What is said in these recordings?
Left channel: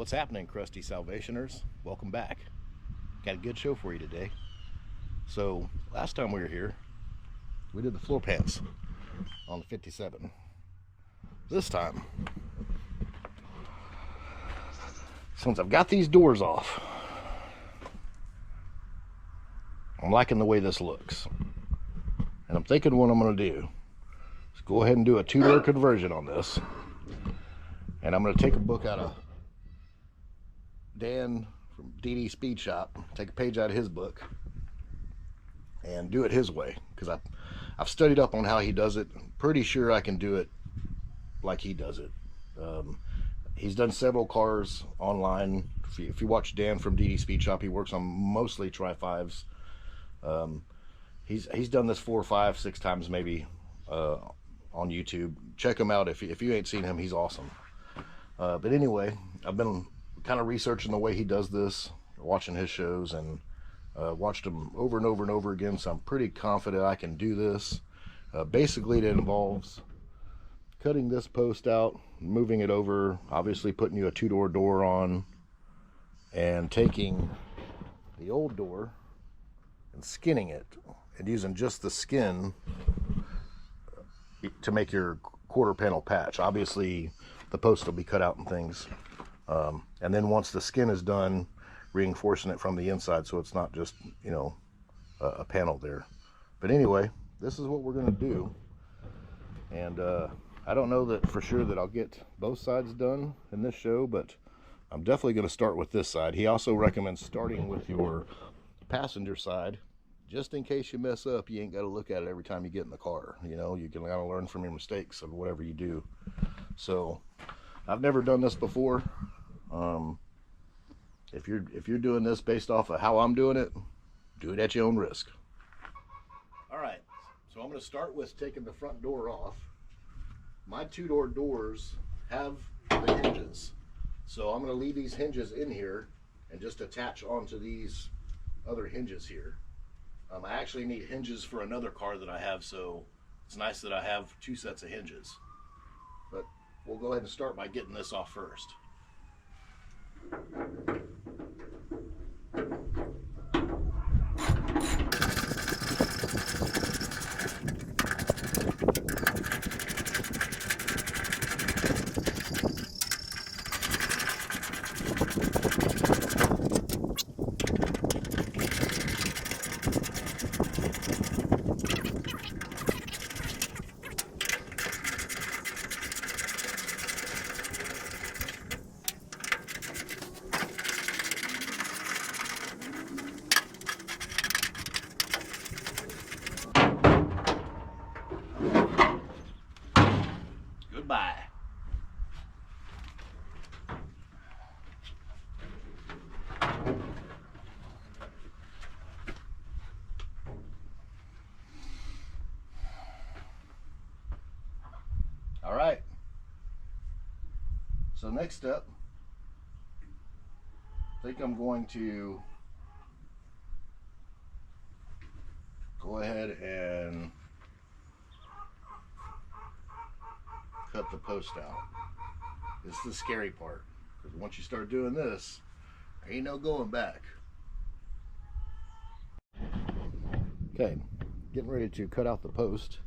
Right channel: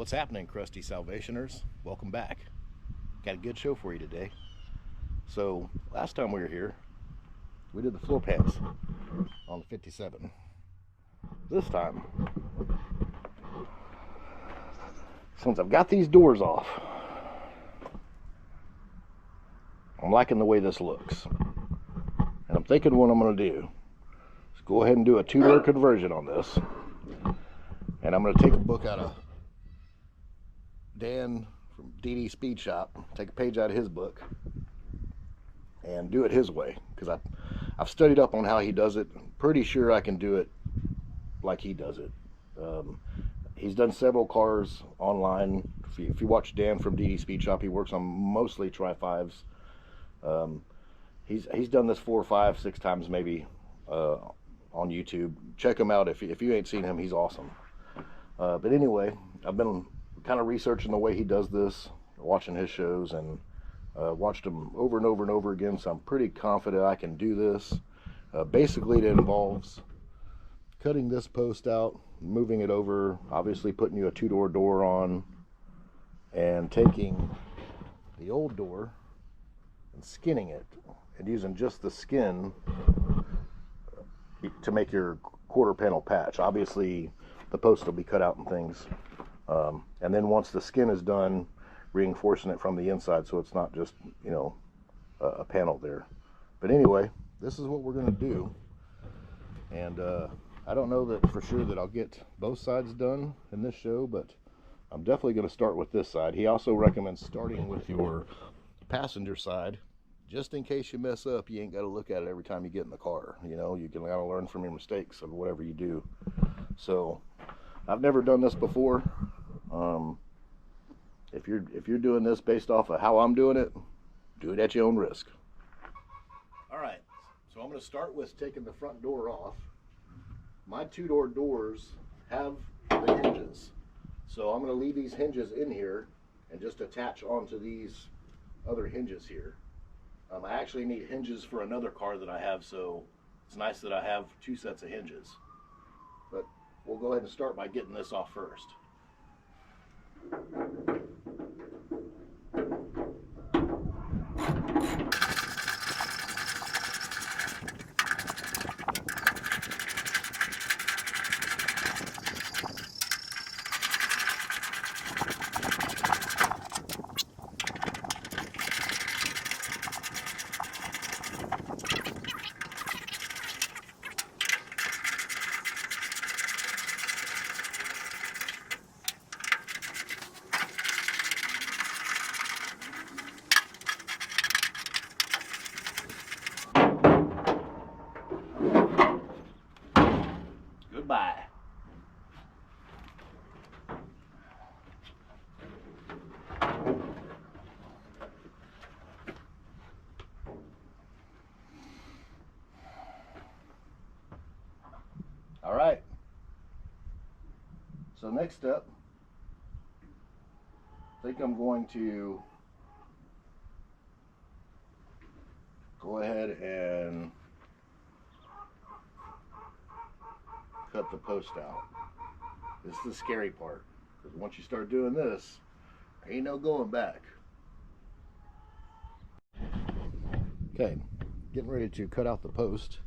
What's happening, crusty Salvationers? Welcome back. Got a good show for you today. So last time we were here, we did the floor pans on the 57. This time, since I've got these doors off, I'm liking the way this looks. And I'm thinking what I'm going to do is go ahead and do a two-door conversion on this. And I'm going to take a book out of Dan from DD Speed Shop, take a page out of his book and do it his way, because I've studied up on how he does it. I'm pretty sure I can do it like he does it. He's done several cars online. If you watch Dan from DD Speed Shop, he works on mostly Trifives. He's done this 4, 5, 6 times maybe on YouTube. Check him out if you ain't seen him. He's awesome. But anyway, I've been kind of researching the way he does this, watching his shows, and watched him over and over and over again, so I'm pretty confident I can do this. Basically, it involves cutting this post out, moving it over, obviously putting you a two-door door on, and taking the old door and skinning it, and using just the skin to make your quarter panel patch. Obviously, the post will be cut out and things. And then once the skin is done, reinforcing it from the inside so it's not just, you know, a panel there. But anyway, this is what we're going to do. And I don't know that for sure that I'll get both sides done in this show, but I'm definitely going to start with this side. He also recommends starting with your passenger side, just in case you mess up. You ain't got to look at it every time you get in the car. You know, you can kind of learn from your mistakes of whatever you do. So I've never done this before. If you're doing this based off of how I'm doing it, do it at your own risk. All right, so I'm going to start with taking the front door off. My two-door doors have the hinges, so I'm going to leave these hinges in here and just attach onto these other hinges here. I actually need hinges for another car that I have, so it's nice that I have 2 sets of hinges. But we'll go ahead and start by getting this off first. Goodbye. All right. So next up, I think I'm going to go ahead and cut the post out. This is the scary part, because once you start doing this, there ain't no going back. Okay, getting ready to cut out the post.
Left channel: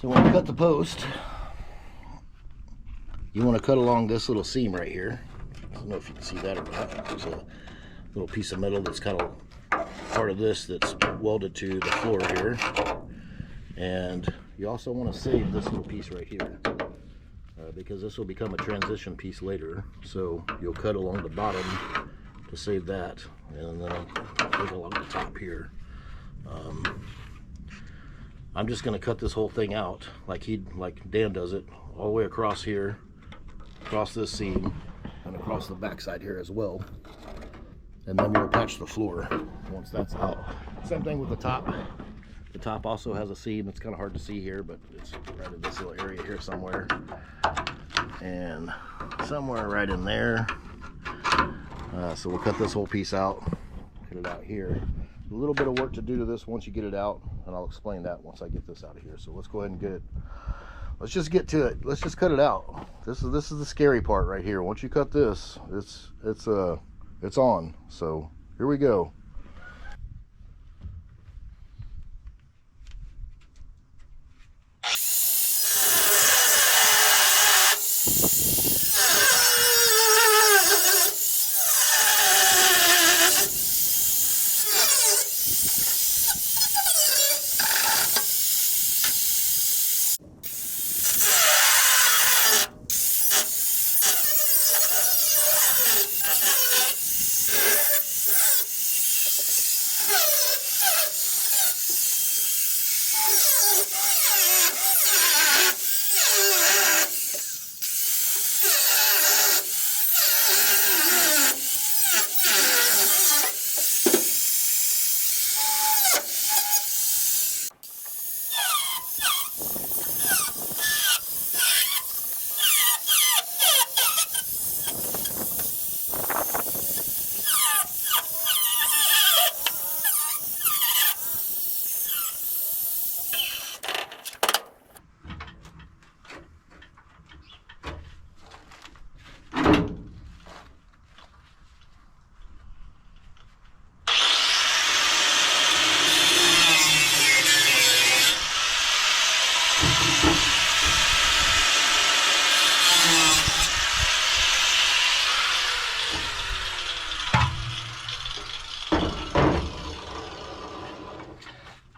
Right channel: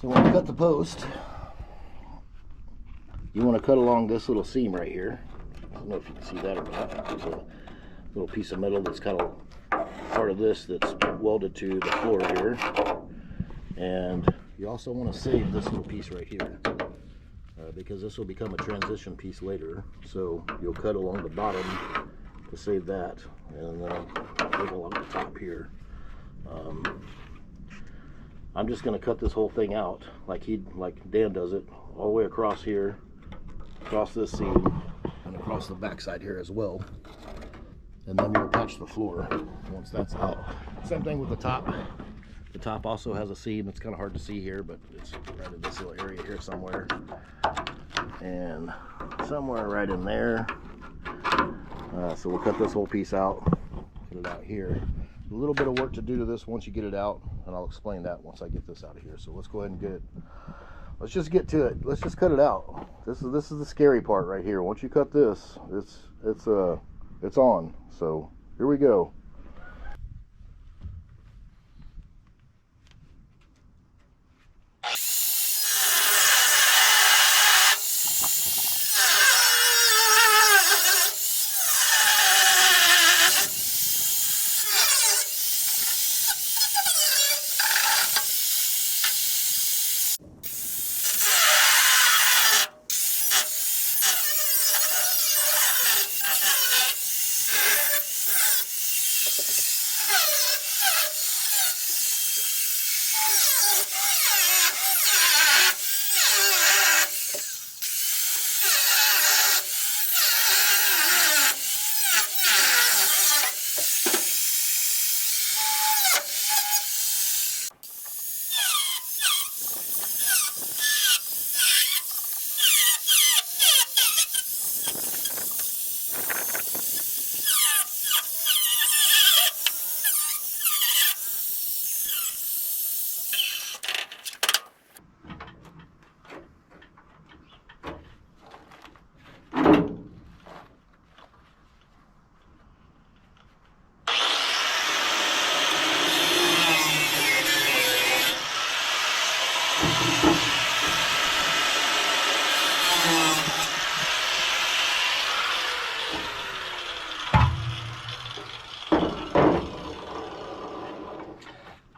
So when you cut the post, you want to cut along this little seam right here. I don't know if you can see that or not. There's a little piece of metal that's kind of part of this that's welded to the floor here. And you also want to save this little piece right here, because this will become a transition piece later. So you'll cut along the bottom to save that, and then go along the top here. I'm just going to cut this whole thing out like Dan does it, all the way across here, across this seam, and across the back side here as well. And then we'll patch the floor once that's out. Same thing with the top. The top also has a seam. It's kind of hard to see here, but it's right in this little area here somewhere. And somewhere right in there. So we'll cut this whole piece out, cut it out here. A little bit of work to do to this once you get it out, and I'll explain that once I get this out of here. So let's go ahead and get it let's just get to it. Let's just cut it out. This is the scary part right here. Once you cut this, it's on. So here we go.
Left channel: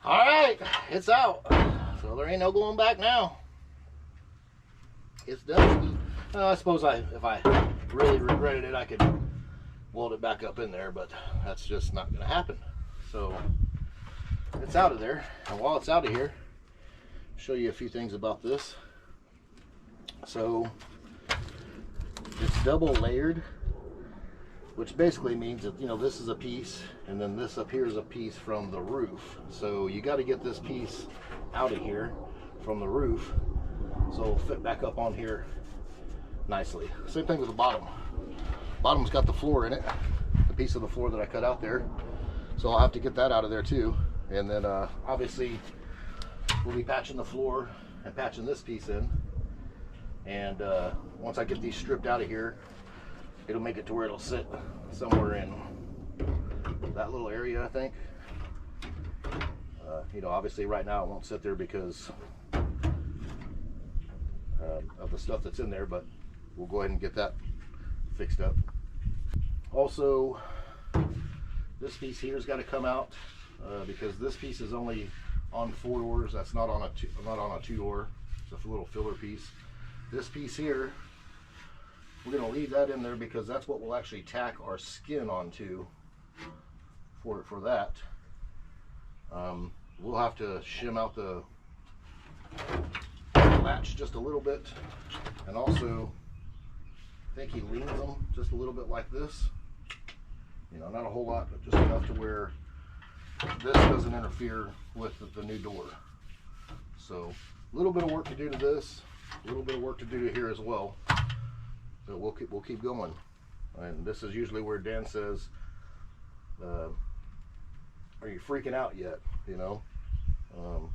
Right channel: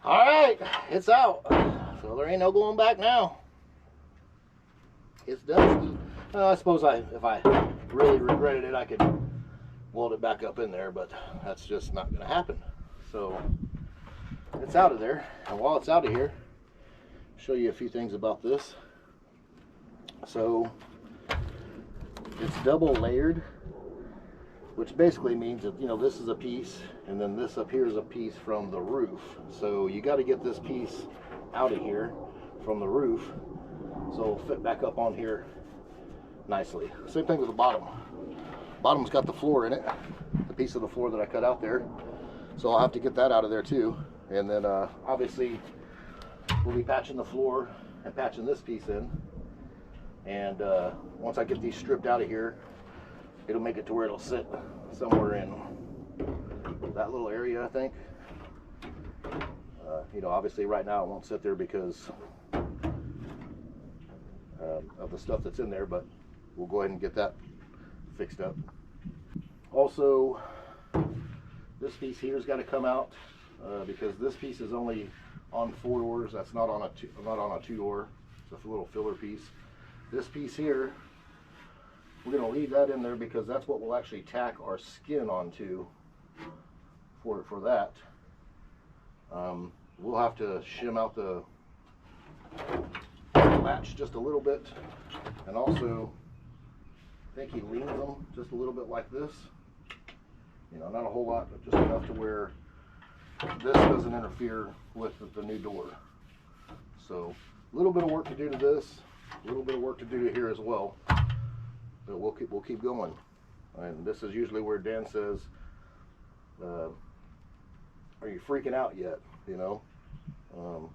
All right, it's out. So there ain't no going back now. It's done. I suppose if I really regretted it, I could weld it back up in there, but that's just not going to happen. So it's out of there. And while it's out of here, I'll show you a few things about this. So it's double layered, which basically means that, you know, this is a piece and then this up here is a piece from the roof. So you got to get this piece out of here from the roof so it'll fit back up on here nicely. Same thing with the bottom. Bottom's got the floor in it, the piece of the floor that I cut out there. So I'll have to get that out of there too. And then obviously we'll be patching the floor and patching this piece in. And once I get these stripped out of here, it'll make it to where it'll sit somewhere in that little area, I think. You know, obviously right now it won't sit there because of the stuff that's in there, but we'll go ahead and get that fixed up. Also, this piece here has got to come out because this piece is only on 4 doors. That's not on a 2-door. It's a little filler piece. This piece here, we're going to leave that in there because that's what we'll actually tack our skin onto for that. We'll have to shim out the latch just a little bit, and also I think he leans them just a little bit like this. You know, not a whole lot, but just enough to where this doesn't interfere with the new door. So a little bit of work to do to this, a little bit of work to do to here as well. But we'll keep going. And this is usually where Dan says, "Are you freaking out yet?" You know,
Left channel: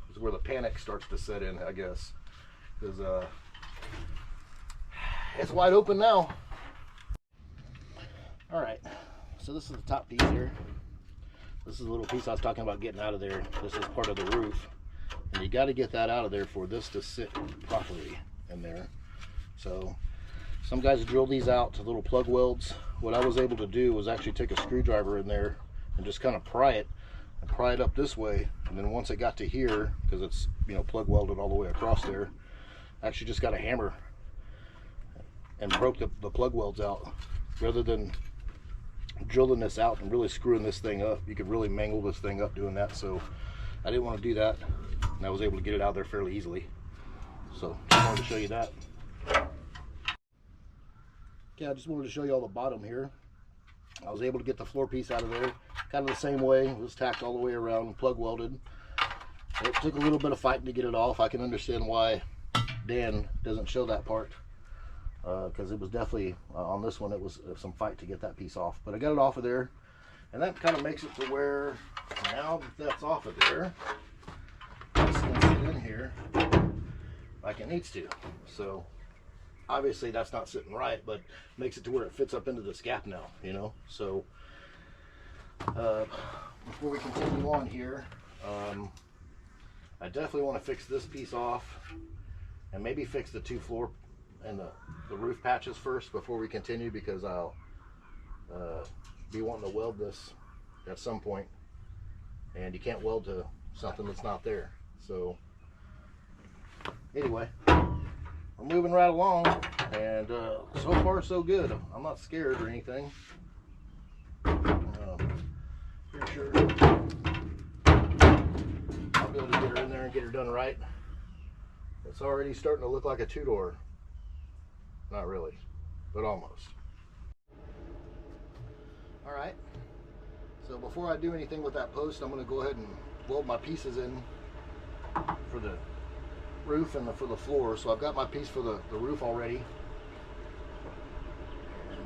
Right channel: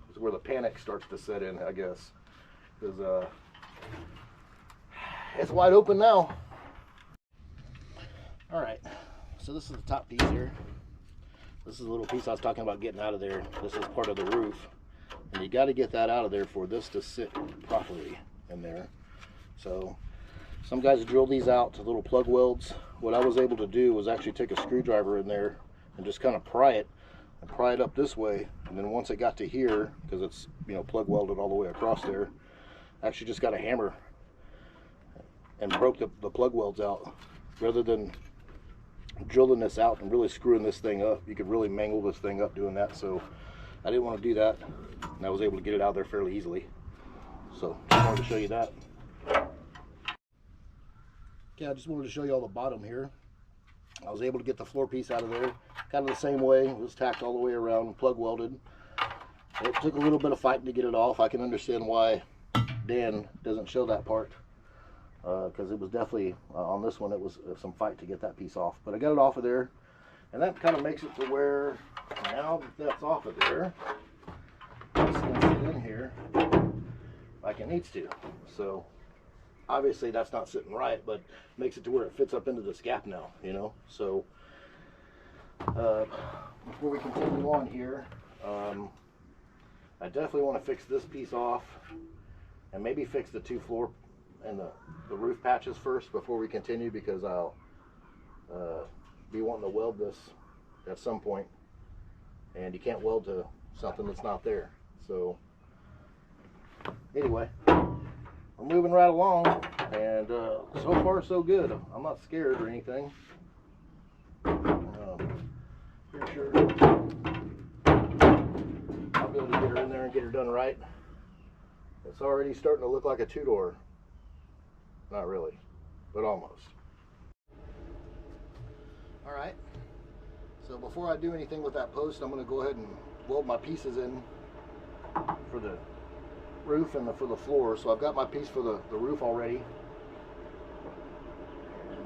it's where the panic starts to set in, I guess, because it's wide open now. All right, so this is the top piece here. This is a little piece I was talking about getting out of there. This is part of the roof, and you got to get that out of there for this to sit properly in there. So some guys drill these out to little plug welds. What I was able to do was actually take a screwdriver in there and just kind of pry it up this way, and then once it got to here, because it's, you know, plug welded all the way across there, I actually just got a hammer and broke the plug welds out. Rather than drilling this out and really screwing this thing up, you could really mangle this thing up doing that. So I didn't want to do that, and I was able to get it out there fairly easily. So I wanted to show you that. Okay, I just wanted to show you all the bottom here. I was able to get the floor piece out of there kind of the same way. It was tacked all the way around, plug welded. It took a little bit of fighting to get it off. I can understand why Dan doesn't show that part, because it was definitely on this one, it was some fight to get that piece off. But I got it off of there, and that kind of makes it to where now that that's off of there, this can sit in here like it needs to. So obviously that's not sitting right, but makes it to where it fits up into this gap now, you know. So before we continue on here, I definitely want to fix this piece off and maybe fix the two floor and the roof patches first before we continue, because I'll be wanting to weld this at some point, and you can't weld to something that's not there. So anyway, we're moving right along, and so far so good. I'm not scared or anything. Pretty sure I'll be able to get her in there and get her done right. It's already starting to look like a two-door. Not really, but almost. All right, so before I do anything with that post, I'm going to go ahead and weld my pieces in for the roof and for the floor. So I've got my piece for the roof already, and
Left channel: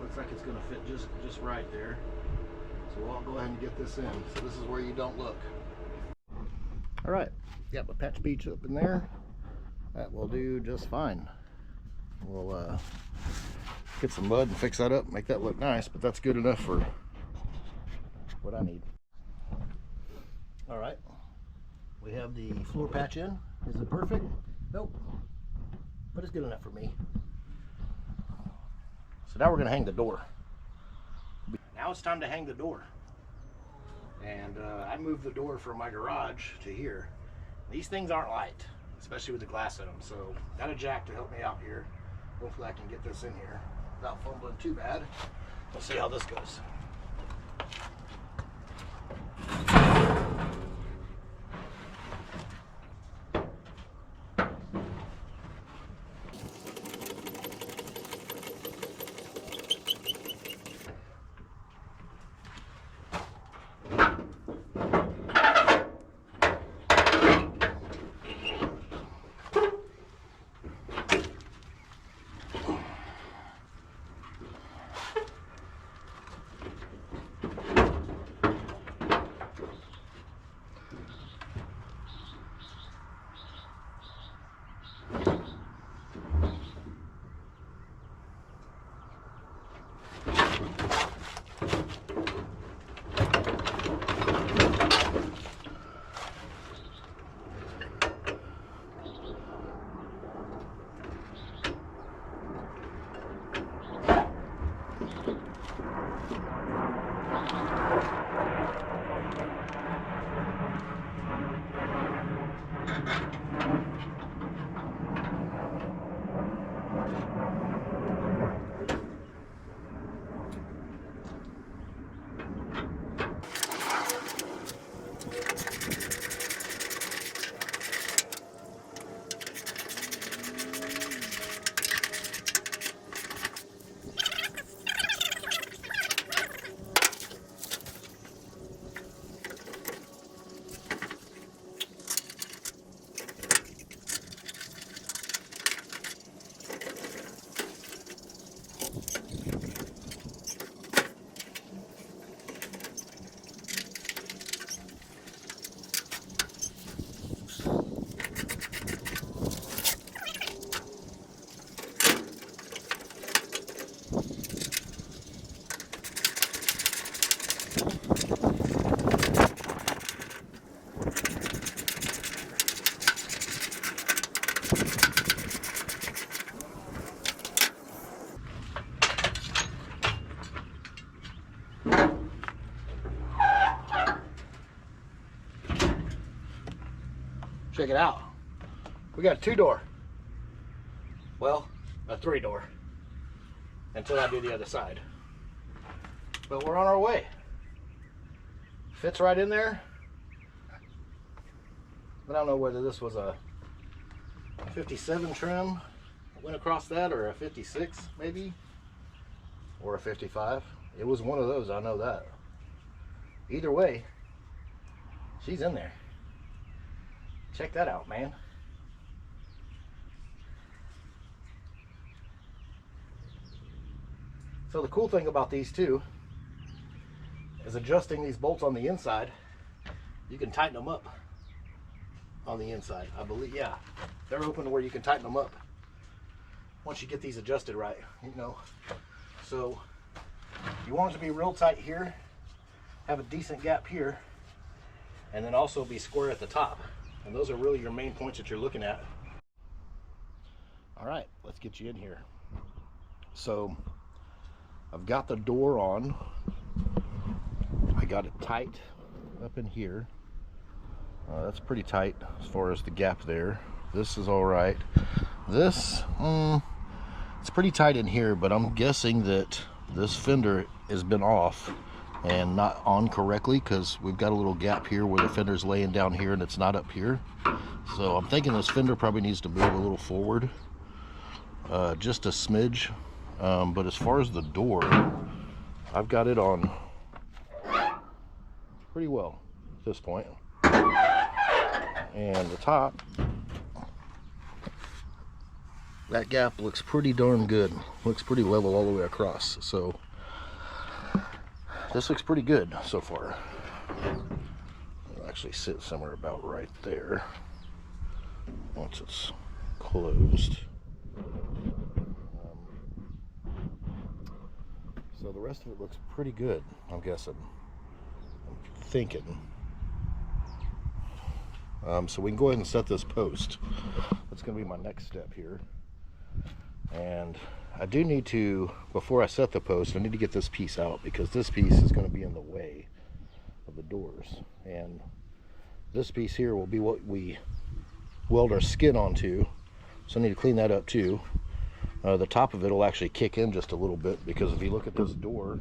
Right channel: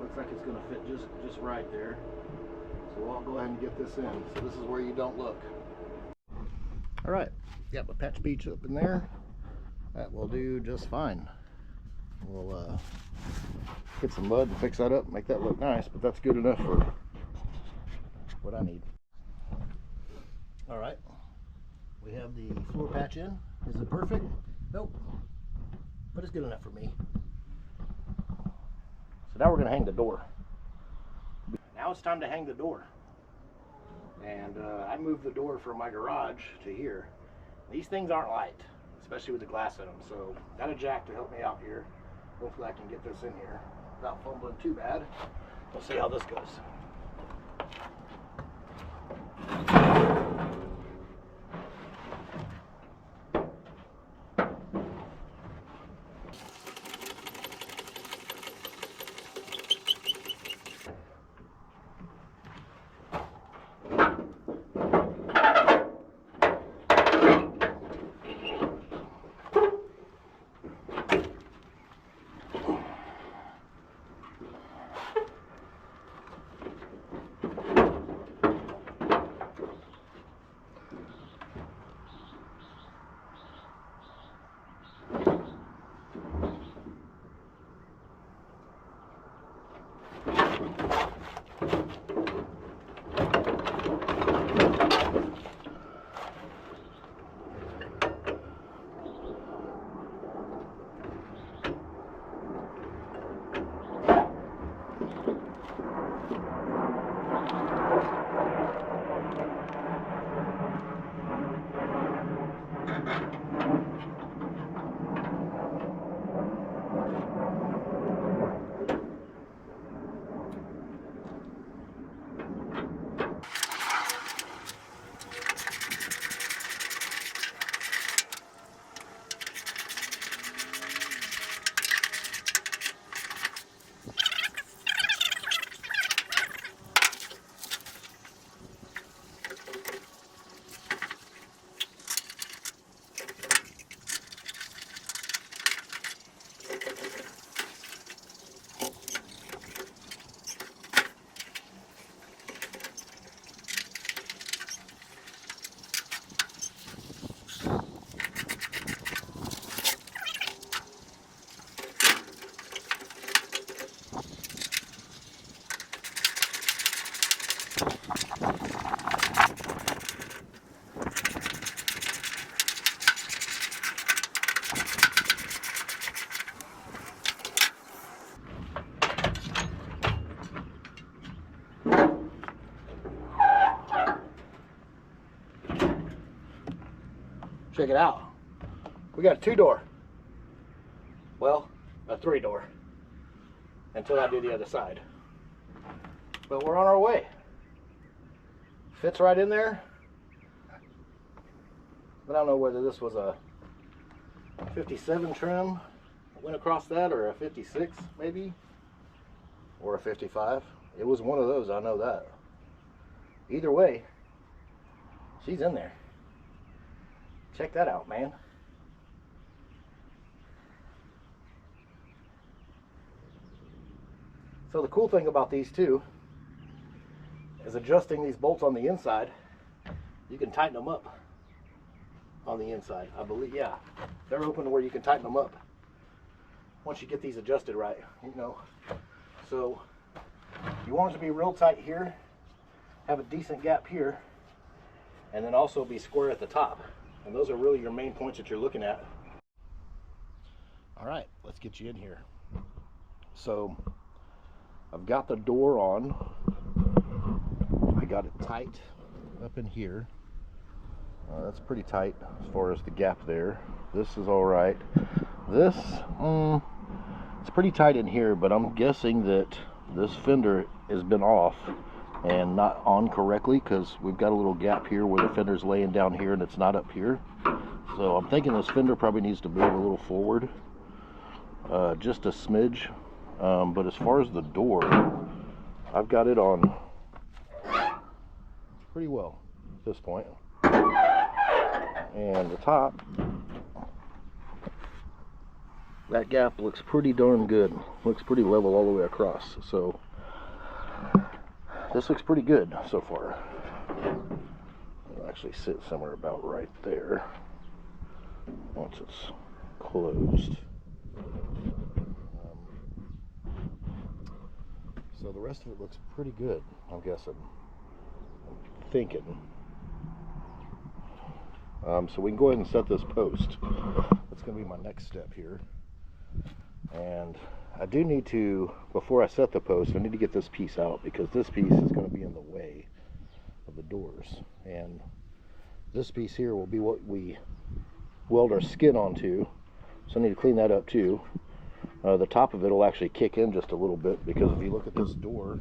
looks like it's going to fit just right there. So I'll go ahead and get this in. So this is where you don't look. All right, got my patch beach up in there. That will do just fine. We'll get some mud and fix that up, make that look nice, but that's good enough for what I need. All right, we have the floor patch in. Is it perfect? Nope, but it's good enough for me. So now we're gonna hang the door. Now it's time to hang the door. And I moved the door from my garage to here. These things aren't light, especially with the glass in them. So got a jack to help me out here. Hopefully I can get this in here without fumbling too bad. We'll see how this goes. Check it out. We got a two-door. Well, a three-door. Until I do the other side. But we're on our way. Fits right in there. I don't know whether this was a 57 trim that went across that, or a 56 maybe, or a 55. It was one of those, I know that. Either way, she's in there. Check that out, man. So the cool thing about these two is adjusting these bolts on the inside. You can tighten them up on the inside, I believe. Yeah, they're open to where you can tighten them up once you get these adjusted right, you know. So you want it to be real tight here, have a decent gap here, and then also be square at the top. And those are really your main points that you're looking at. All right, let's get you in here. So I've got the door on. I got it tight up in here. That's pretty tight as far as the gap there. This is all right. This, it's pretty tight in here, but I'm guessing that this fender has been off and not on correctly, because we've got a little gap here where the fender's laying down here and it's not up here. So I'm thinking this fender probably needs to move a little forward, just a smidge. But as far as the door, I've got it on pretty well at this point. And the top, that gap looks pretty darn good. Looks pretty level all the way across. So this looks pretty good so far. It'll actually sit somewhere about right there once it's closed. So the rest of it looks pretty good, I'm guessing. I'm thinking. So we can go ahead and set this post. That's going to be my next step here. And I do need to, before I set the post, I need to get this piece out, because this piece is going to be in the way of the doors. And this piece here will be what we weld our skin onto. So I need to clean that up too. The top of it will actually kick in just a little bit, because if you look at this door,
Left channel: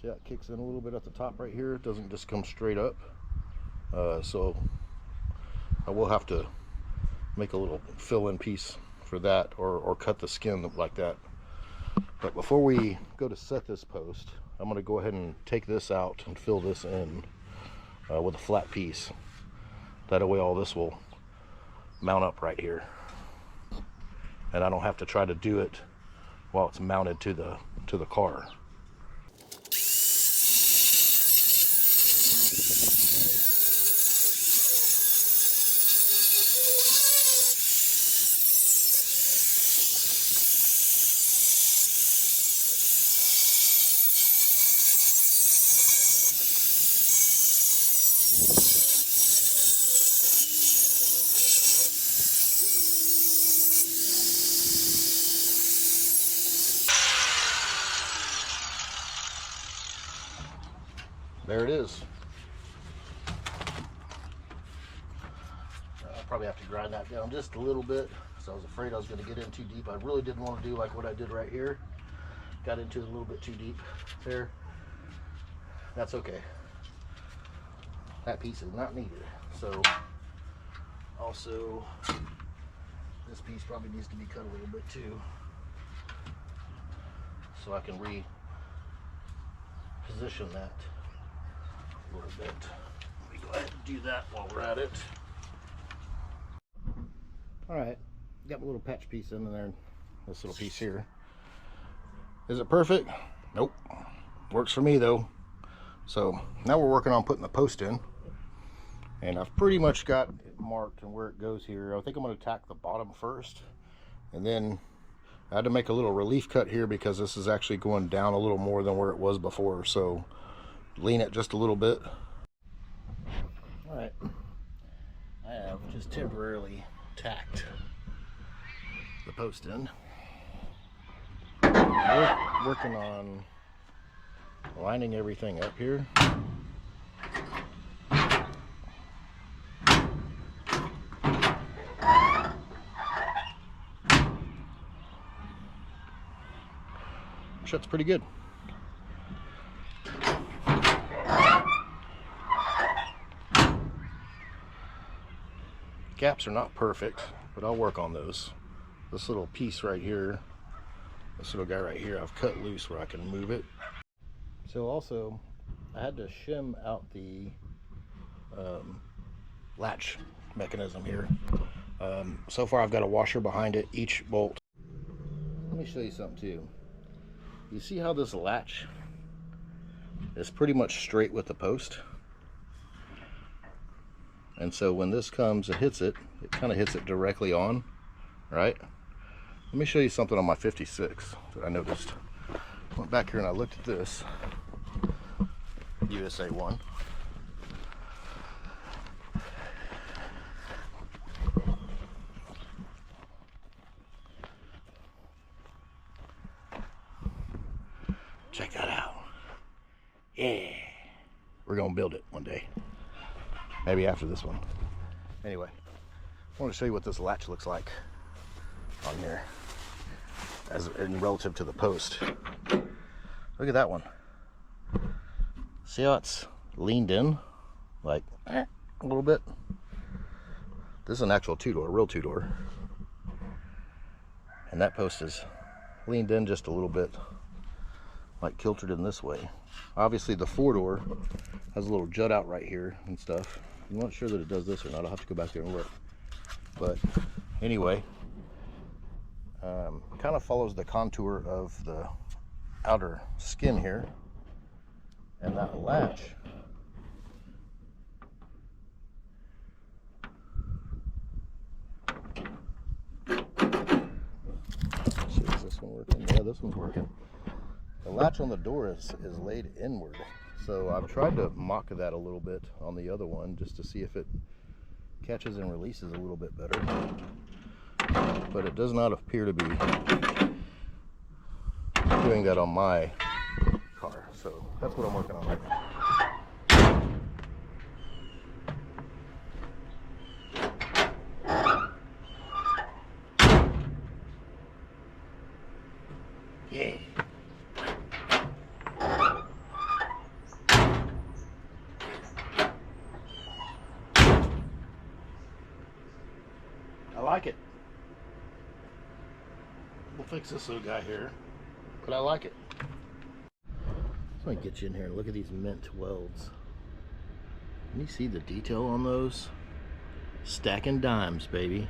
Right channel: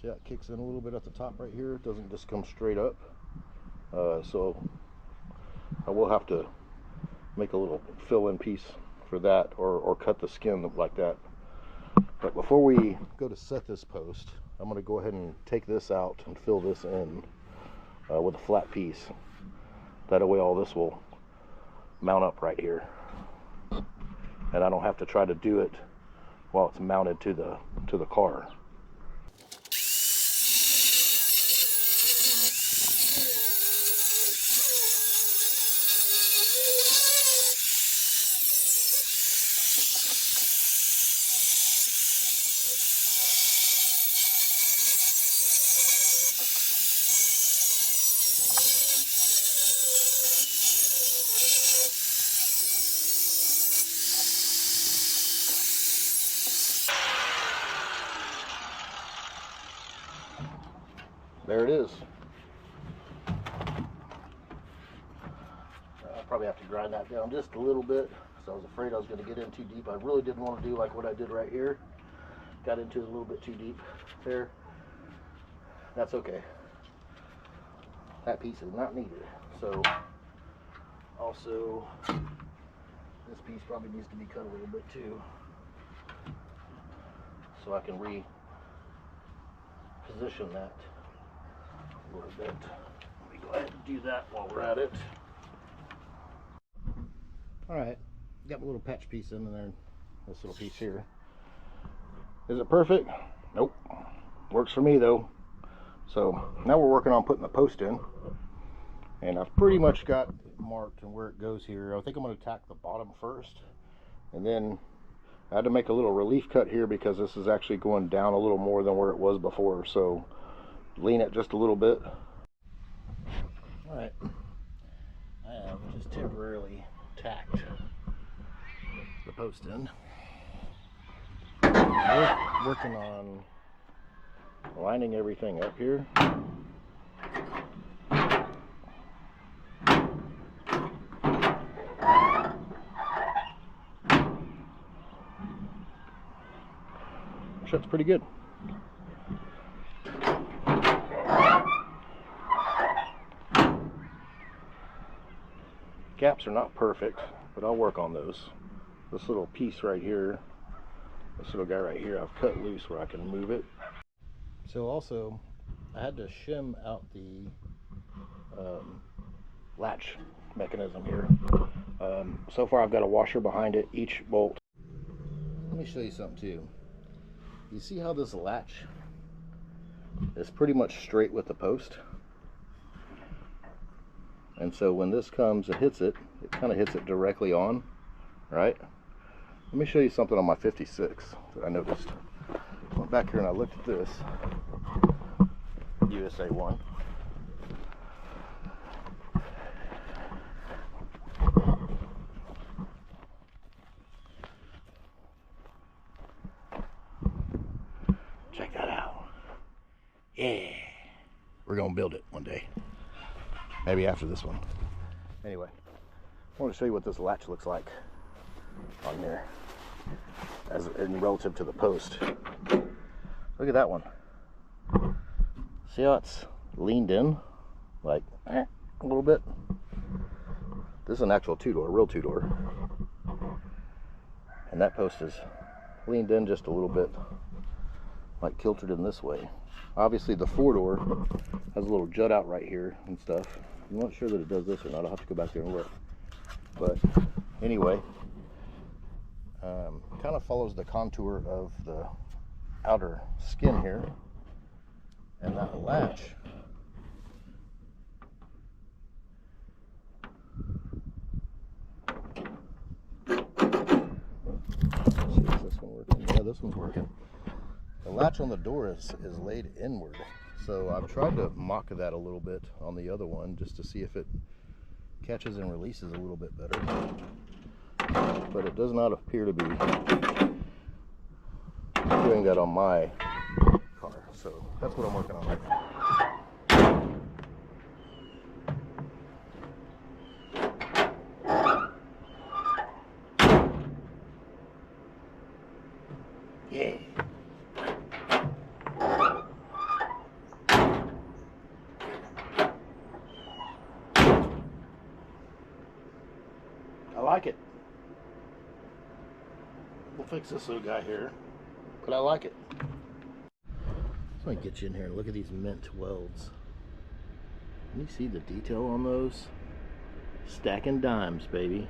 see how it kicks in a little bit at the top right here? It doesn't just come straight up. So I will have to make a little fill-in piece for that, or cut the skin like that. But before we go to set this post, I'm going to go ahead and take this out and fill this in with a flat piece. That way all this will mount up right here, and I don't have to try to do it while it's mounted to the car. There it is. I'll probably have to grind that down just a little bit, so I was afraid I was going to get in too deep. I really didn't want to do like what I did right here. Got into it a little bit too deep there. That's okay. That piece is not needed. So also this piece probably needs to be cut a little bit too, so I can reposition that a little bit. Let me go ahead and do that while we're at it. Alright, got my little patch piece in there, this little piece here. Is it perfect? Nope. Works for me though. So now we're working on putting the post in, and I've pretty much got it marked and where it goes here. I think I'm going to tack the bottom first, and then I had to make a little relief cut here because this is actually going down a little more than where it was before, so lean it just a little bit. Alright, I have just temporarily tacked the post in. Working on lining everything up here. Shuts pretty good. Gaps are not perfect, but I'll work on those. This little piece right here, this little guy right here, I've cut loose where I can move it. So also, I had to shim out the latch mechanism here. So far I've got a washer behind it, each bolt. Let me show you something too. You see how this latch is pretty much straight with the post? And so when this comes and hits it, it kind of hits it directly on, right? Let me show you something on my 56 that I noticed. Went back here and I looked at this USA 1. Check that out. Yeah. We're gonna build it one day. Maybe after this one. Anyway, I want to show you what this latch looks like on here as in relative to the post. Look at that one. See how it's leaned in? Like a little bit. This is an actual two-door, real two-door. And that post is leaned in just a little bit, like kiltered in this way. Obviously the four-door has a little jut out right here and stuff. I'm not sure that it does this or not. I'll have to go back there and look. But anyway, kind of follows the contour of the outer skin here. And that latch see, is this one working? Yeah, this one's working. The latch on the door is laid inward. So I've tried to mock that a little bit on the other one just to see if it catches and releases a little bit better. But it does not appear to be doing that on my car. So that's what I'm working on right now. Yeah. I like it. We'll fix this little guy here, but I like it. Let me get you in here and look at these mint welds. Can you see the detail on those? Stacking dimes, baby.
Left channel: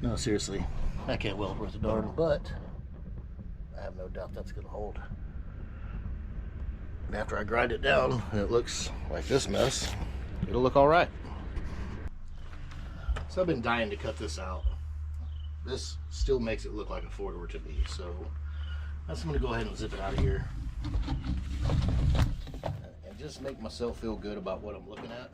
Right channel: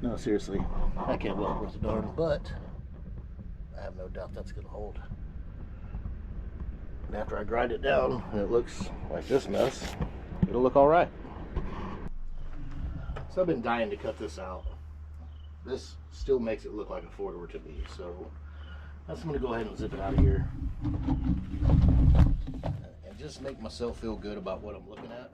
No, seriously, I can't weld worth a darn, but I have no doubt that's gonna hold. And after I grind it down and it looks like this mess, it'll look all right. So I've been dying to cut this out. This still makes it look like a four-door to me, so I'm gonna go ahead and zip it out of here and just make myself feel good about what I'm looking at.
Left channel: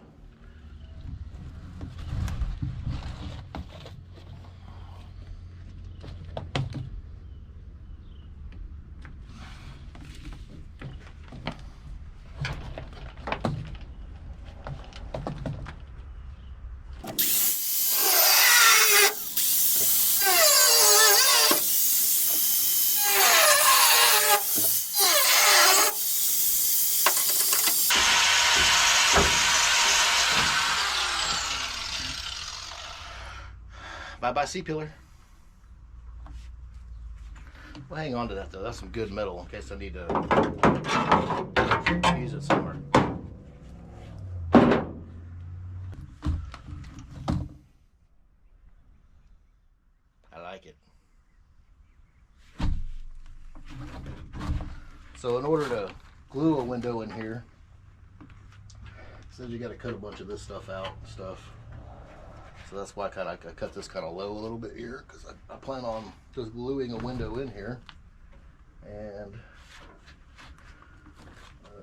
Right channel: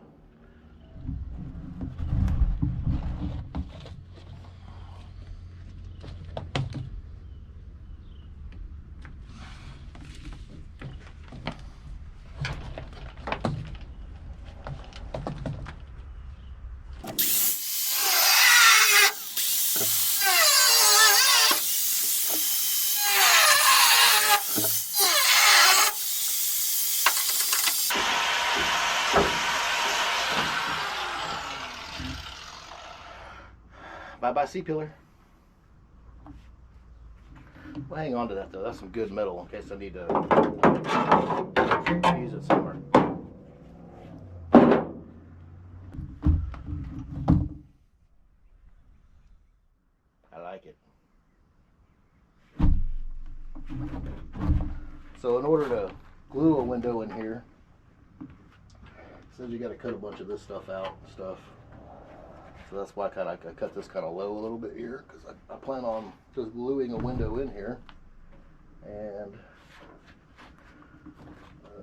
Bye-bye C-pillar. Well, hang on to that though. That's some good metal in case I need to use it somewhere. I like it. So in order to glue a window in here, it says you got to cut a bunch of this stuff out and stuff. So that's why I cut this kind of low a little bit here, because I plan on just gluing a window in here. And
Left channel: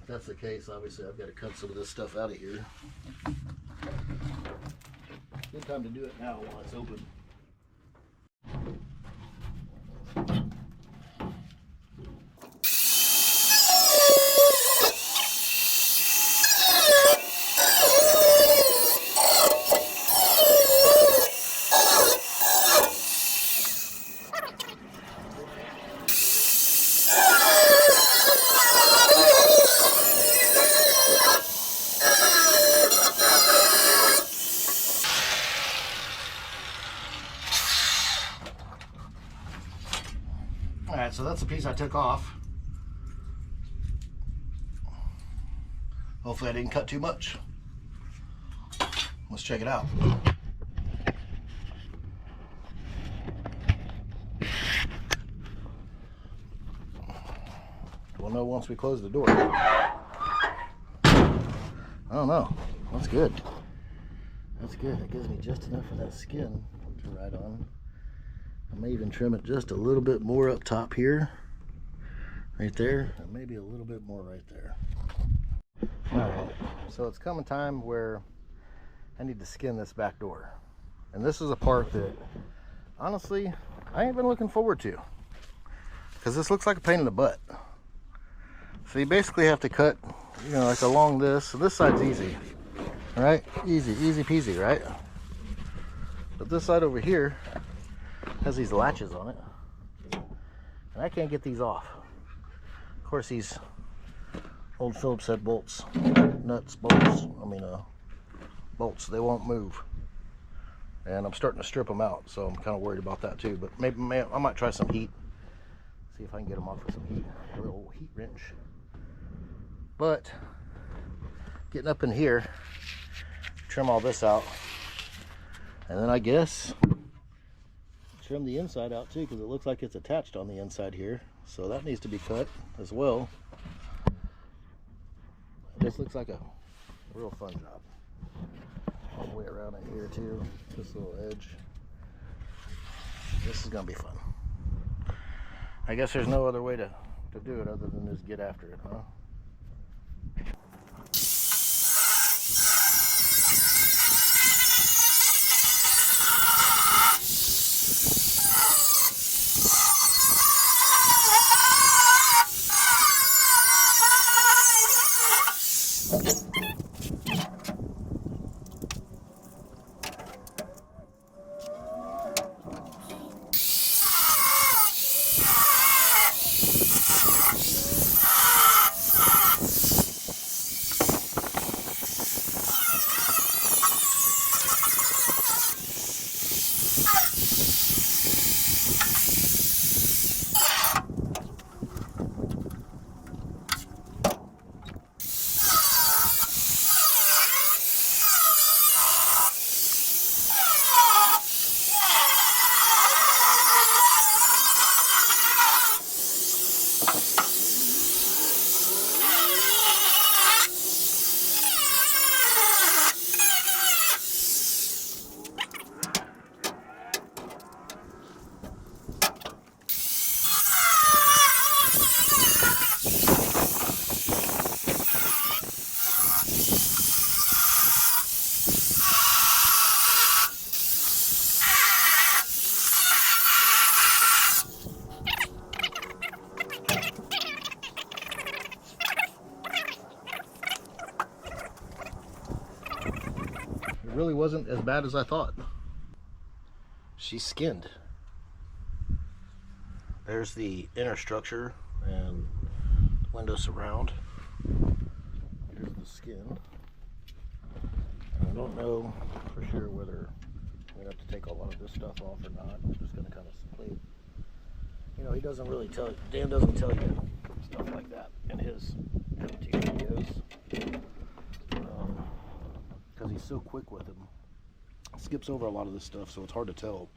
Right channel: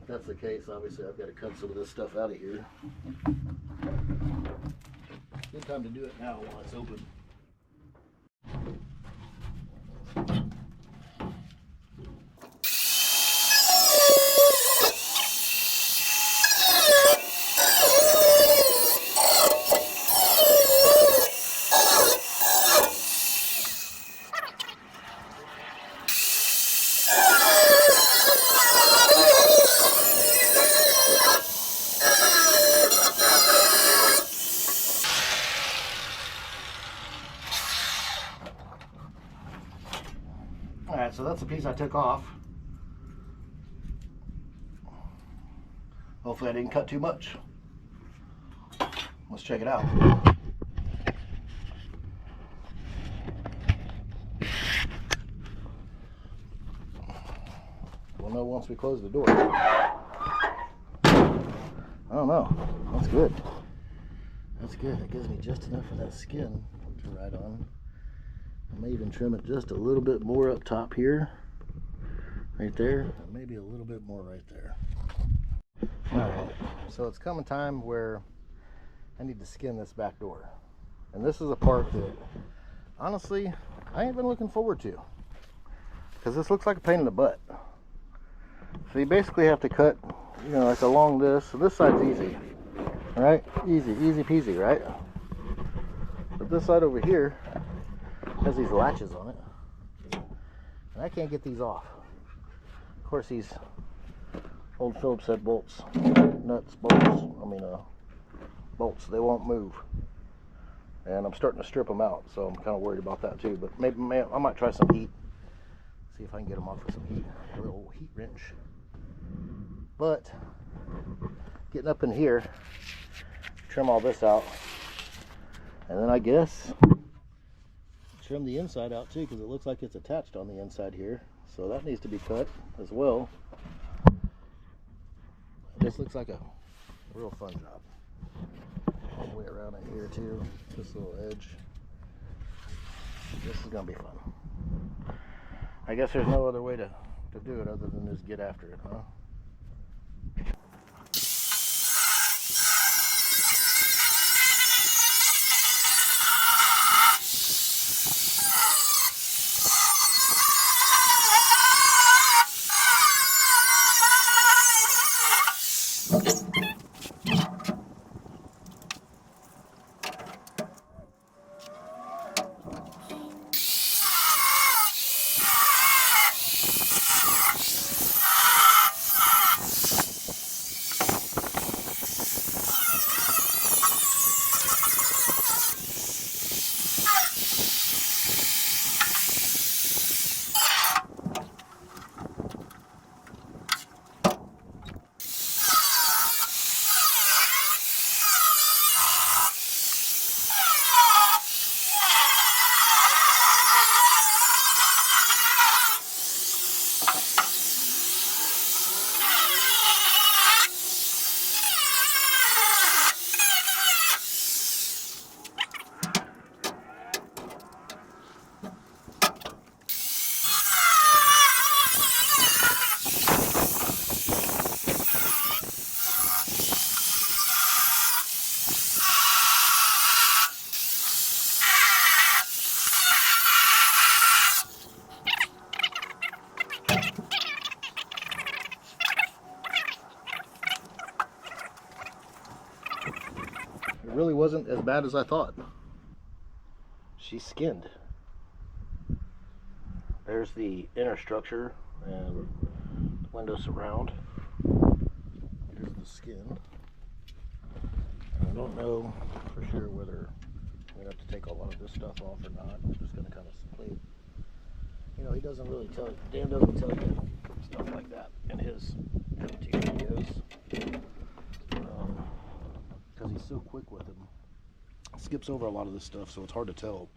if that's the case, obviously I've got to cut some of this stuff out of here. Good time to do it now while it's open. Alright, so that's the piece I took off. Hopefully I didn't cut too much. Let's check it out. We'll know once we close the door. don't know. That's good. That's good. It gives me just enough of that skin to ride on. I may even trim it just a little bit more up top here. Right there. And maybe a little bit more right there. Alright. So it's coming time where I need to skin this back door. And this is a part that, honestly, I ain't been looking forward to. Because this looks like a pain in the butt. So you basically have to cut, you know, like along this. So this side's easy. Right? Easy peasy, right? But this side over here has these latches on it. And I can't get these off. Of course, these old Phillips head bolts, nuts, bolts, bolts, they won't move. And I'm starting to strip them out, so I'm kind of worried about that too. But maybe I might try some heat. See if I can get them off with some heat. A little heat wrench. But getting up in here, trim all this out, and then I guess trim the inside out too, because it looks like it's attached on the inside here, so that needs to be cut as well. This looks like a real fun job. All the way around in here too, this little edge. This is gonna be fun. I guess there's no other way to do it other than just get after it, huh? It really wasn't as bad as I thought. She's skinned. There's the inner structure and window surround. Here's the skin. I don't know for sure whether I'm going to have to take a lot of this stuff off or not. I'm just going to kind of play. You know, he doesn't really tell you, Dan doesn't tell you stuff like that in his YouTube videos. Because he's so quick with them. Skips over a lot of this stuff, so it's hard to tell.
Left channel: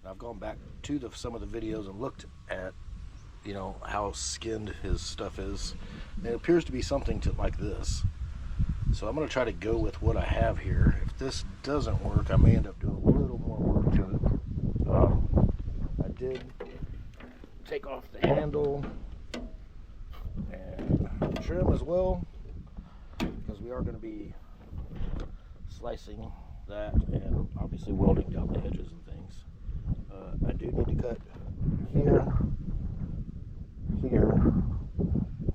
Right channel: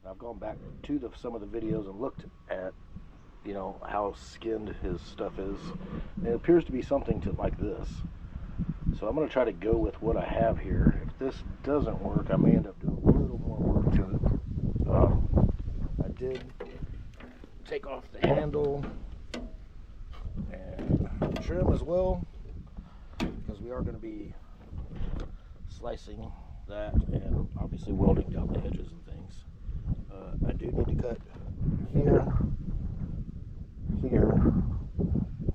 And I've gone back to some of the videos and looked at, you know, how skinned his stuff is. And it appears to be something like this. So I'm going to try to go with what I have here. If this doesn't work, I may end up doing a little more work to it. I did take off the handle and trim as well, because we are going to be slicing that and obviously welding down the edges and things. I do need to cut here,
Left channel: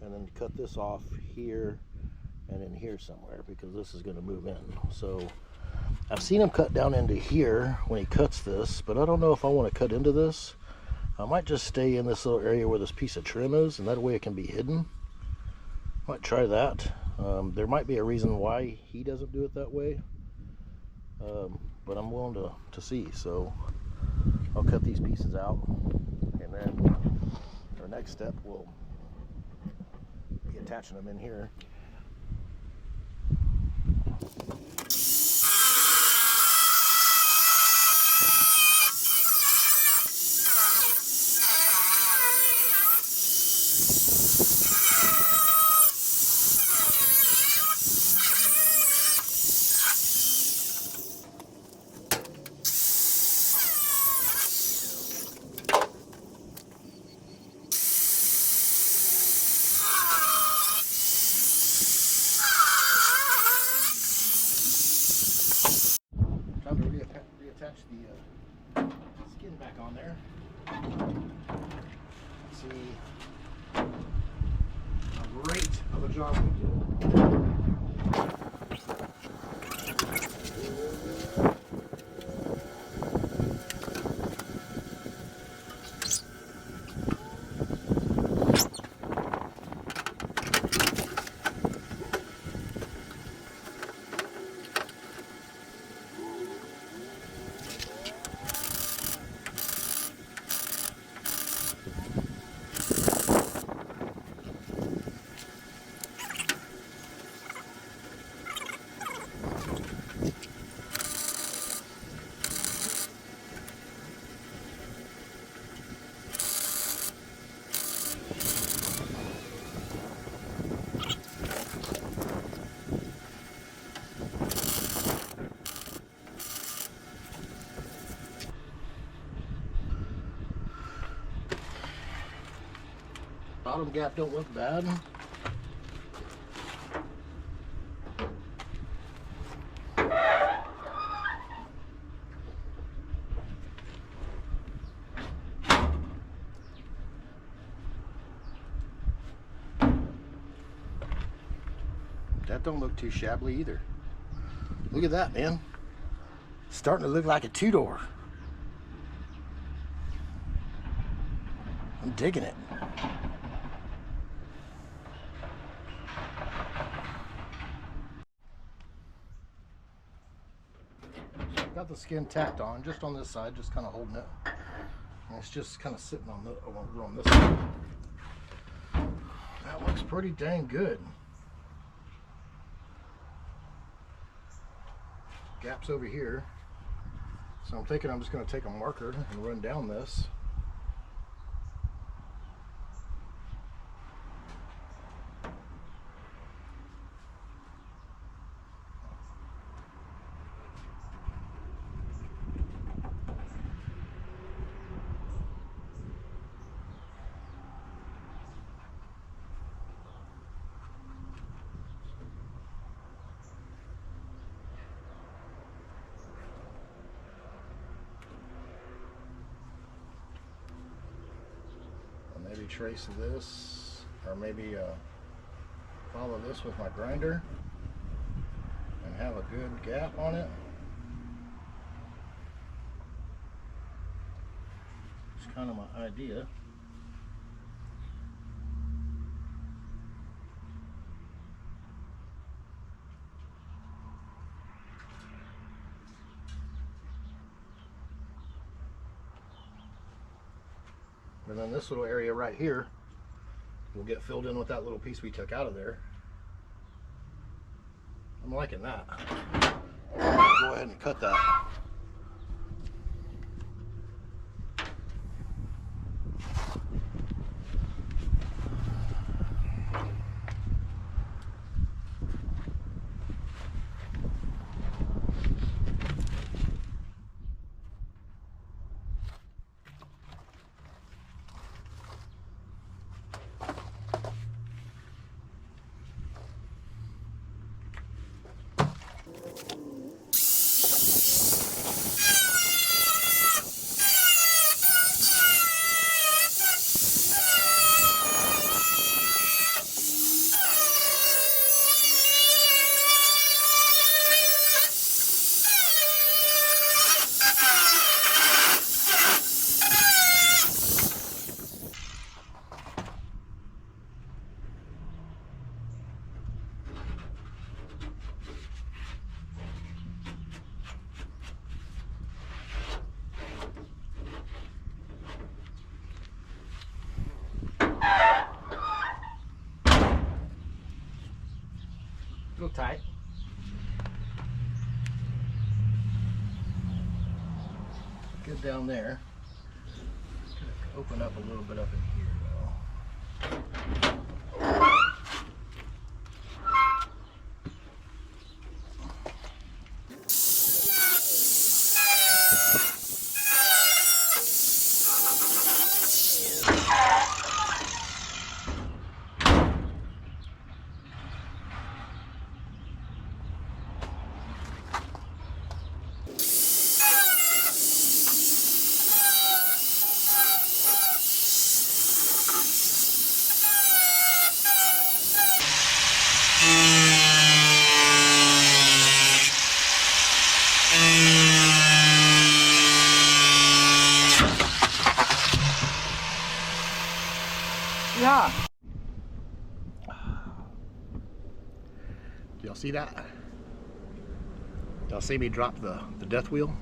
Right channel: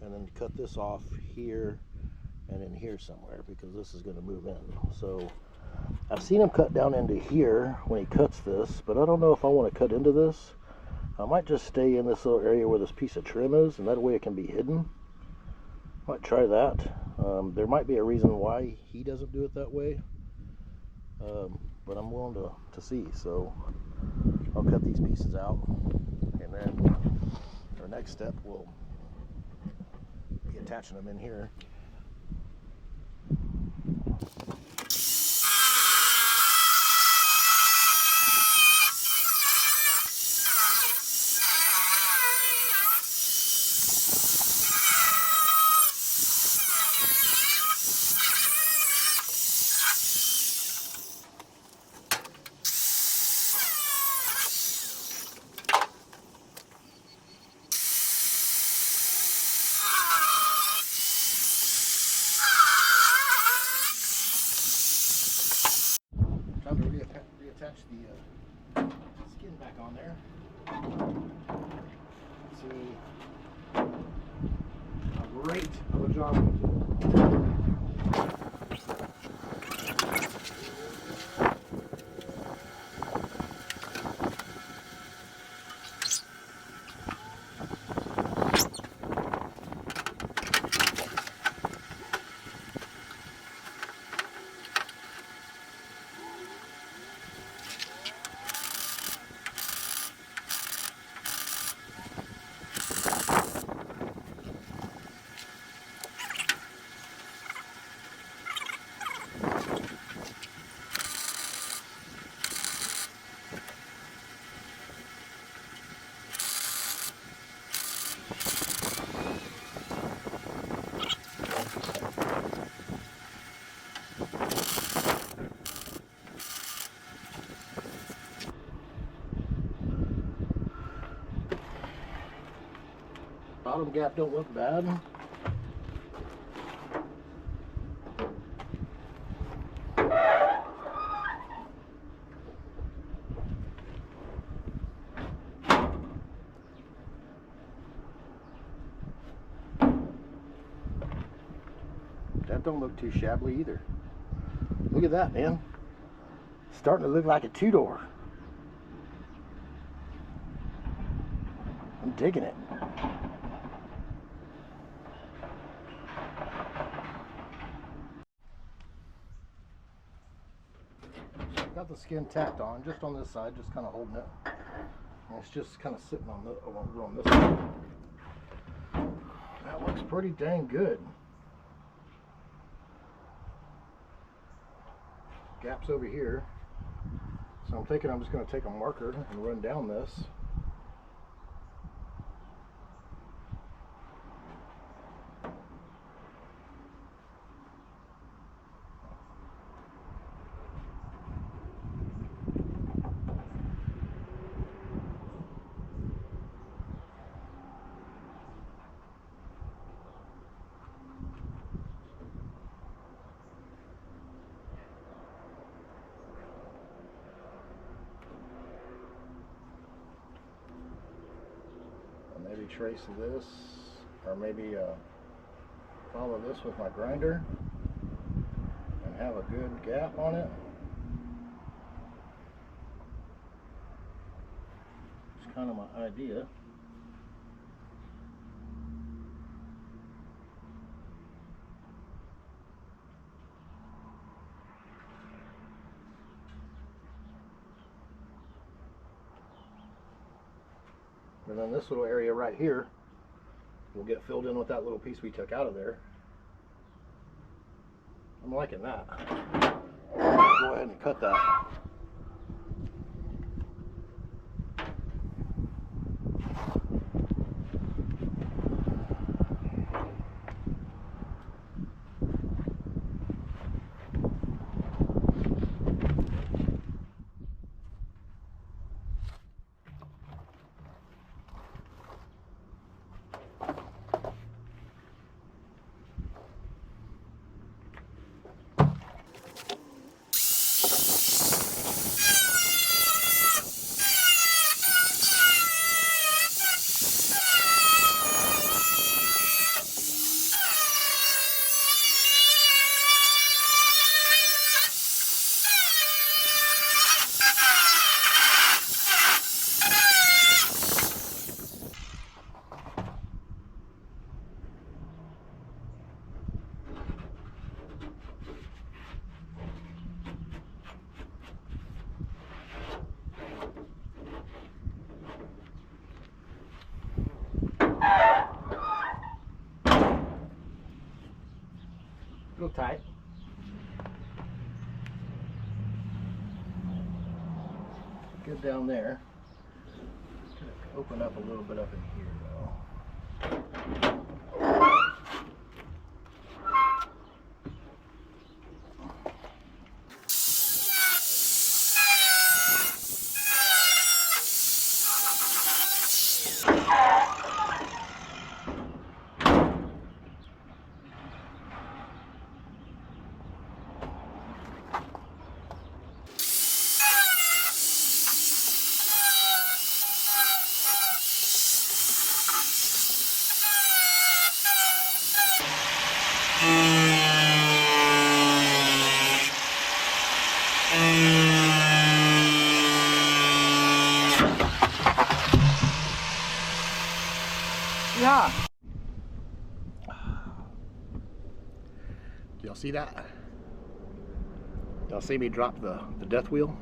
and then cut this off here and in here somewhere, because this is going to move in. So I've seen him cut down into here when he cuts this, but I don't know if I want to cut into this. I might just stay in this little area where this piece of trim is, and that way it can be hidden. Might try that. There might be a reason why he doesn't do it that way, but I'm willing to see. So I'll cut these pieces out, and then our next step will be attaching them in here. attach the skin back on there. Let's see how great of a job we do. Bottom gap don't look bad. That don't look too shabby either. Look at that, man. Starting to look like a two-door. I'm digging it. Got the skin tacked on, just on this side, just kind of holding it. And it's just kind of sitting on this side. That looks pretty dang good. Gaps over here. So I'm thinking I'm just going to take a marker and run down this. Maybe trace this, or maybe follow this with my grinder and have a good gap on it. It's kind of my idea. And then this little area right here will get filled in with that little piece we took out of there. I'm liking that. Go ahead and cut that. A little tight. Good down there. Open up a little bit up in here though. Yeah. Y'all see that? Y'all see me drop the death wheel?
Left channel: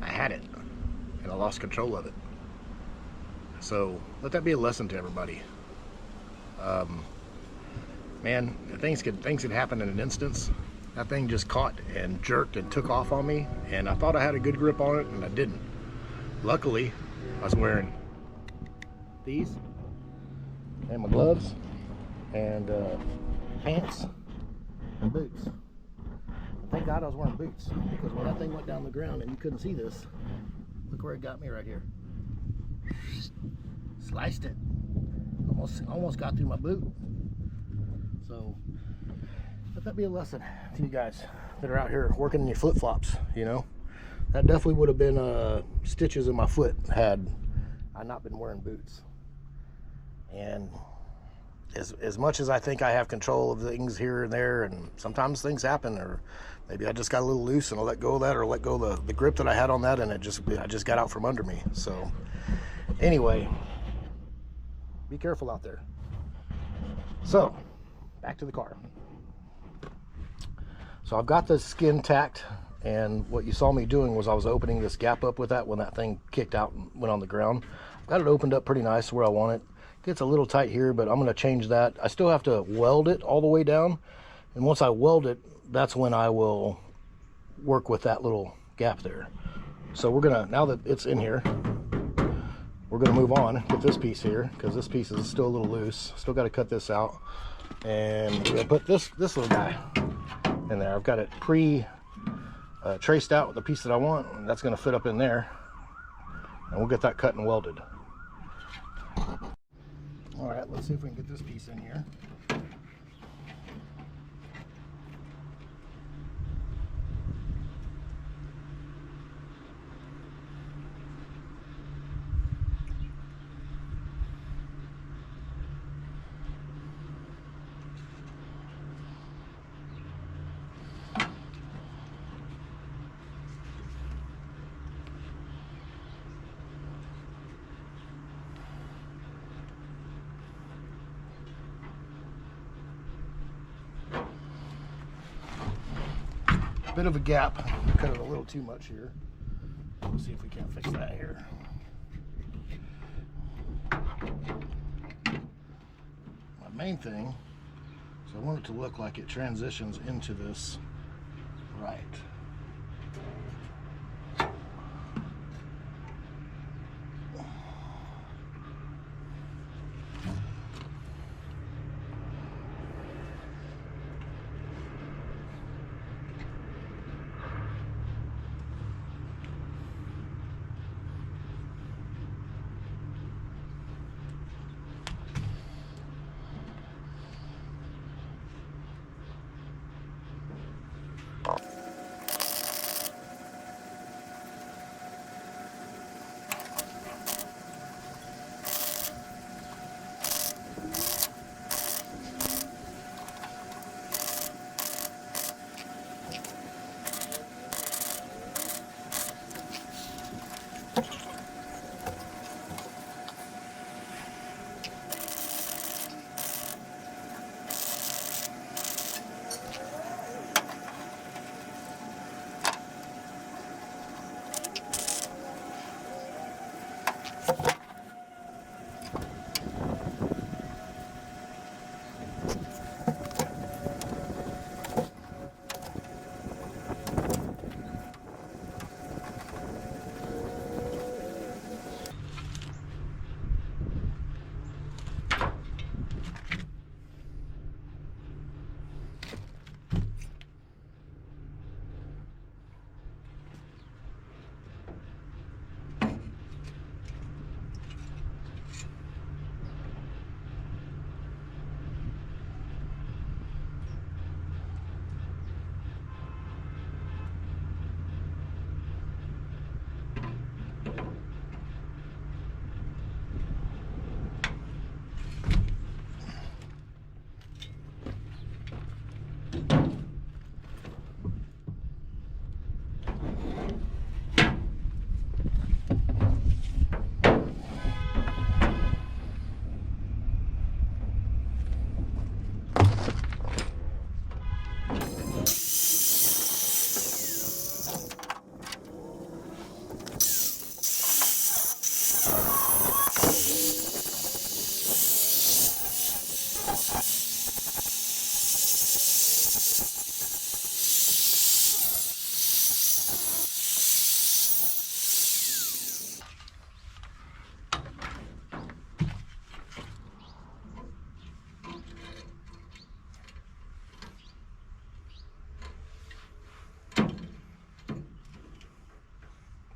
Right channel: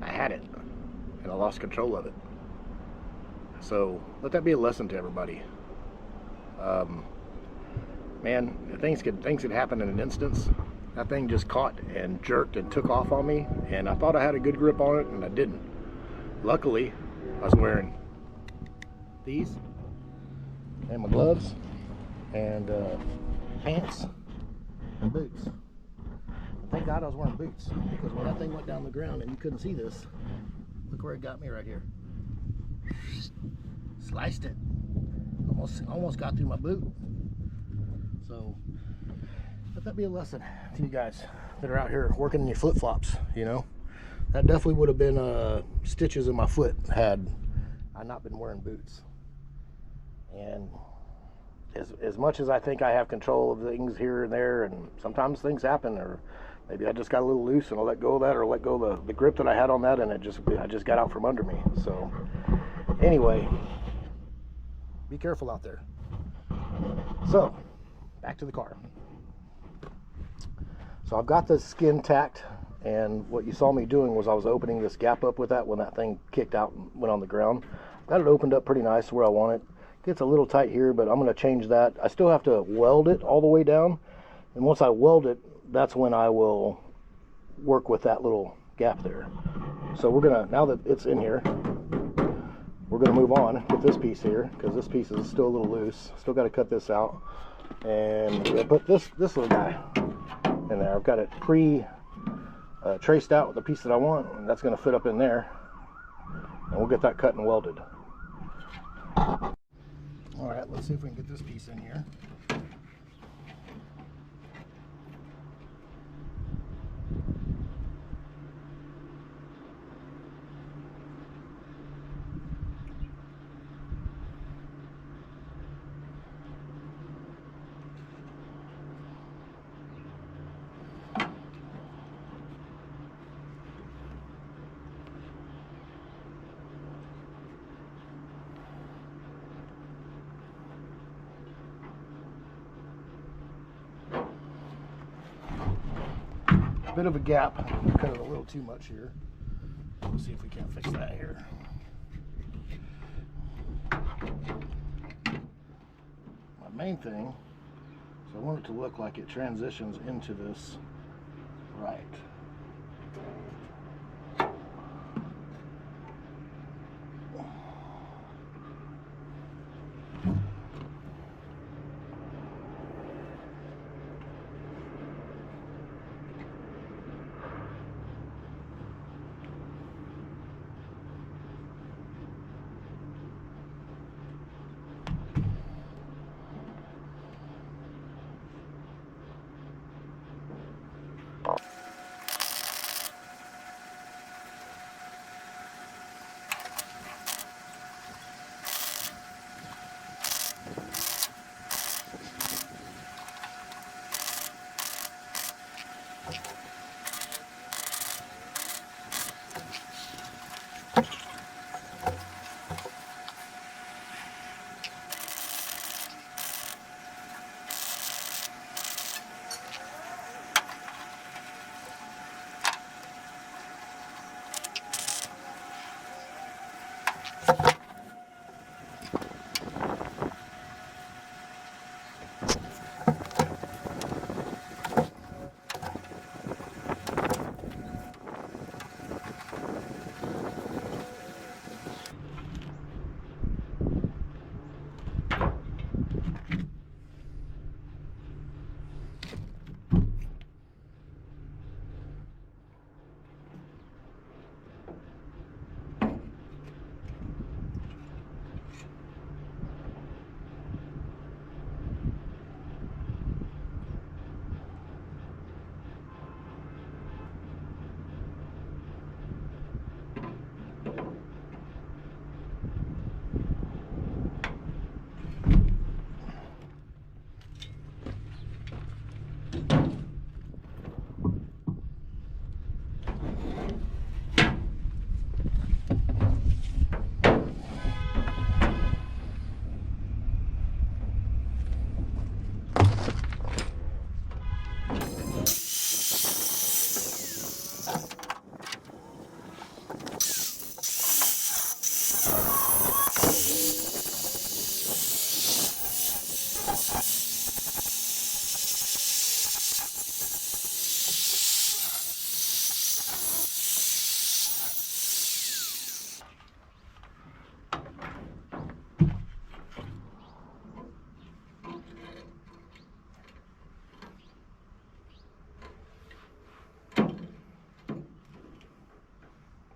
I had it, and I lost control of it. So let that be a lesson to everybody. Man, things could happen in an instance. That thing just caught and jerked and took off on me, and I thought I had a good grip on it, and I didn't. Luckily, I was wearing these and my gloves and pants and boots. Thank God I was wearing boots, because when that thing went down the ground and you couldn't see this, look where it got me right here. Sliced it. Almost got through my boot. So let that be a lesson to you guys that are out here working in your flip-flops, you know. That definitely would have been stitches in my foot had I not been wearing boots. And as much as I think I have control of things here and there, and sometimes things happen, or maybe I just got a little loose and I let go of that, or let go of the grip that I had on that, and I just got out from under me. So anyway, be careful out there. So back to the car. So I've got the skin tacked, and what you saw me doing was I was opening this gap up with that when that thing kicked out and went on the ground. Got it opened up pretty nice where I want it. Gets a little tight here, but I'm going to change that. I still have to weld it all the way down, and once I weld it, that's when I will work with that little gap there. So we're gonna, now that it's in here, we're gonna move on with this piece here, because this piece is still a little loose. Still got to cut this out, and we're gonna put this little guy in there. I've got it traced out with the piece that I want, and that's going to fit up in there, and we'll get that cut and welded. All right, let's see if we can get this piece in here. Bit of a gap, cut it a little too much here. We'll see if we can't fix that here. My main thing, so I want it to look like it transitions into this right.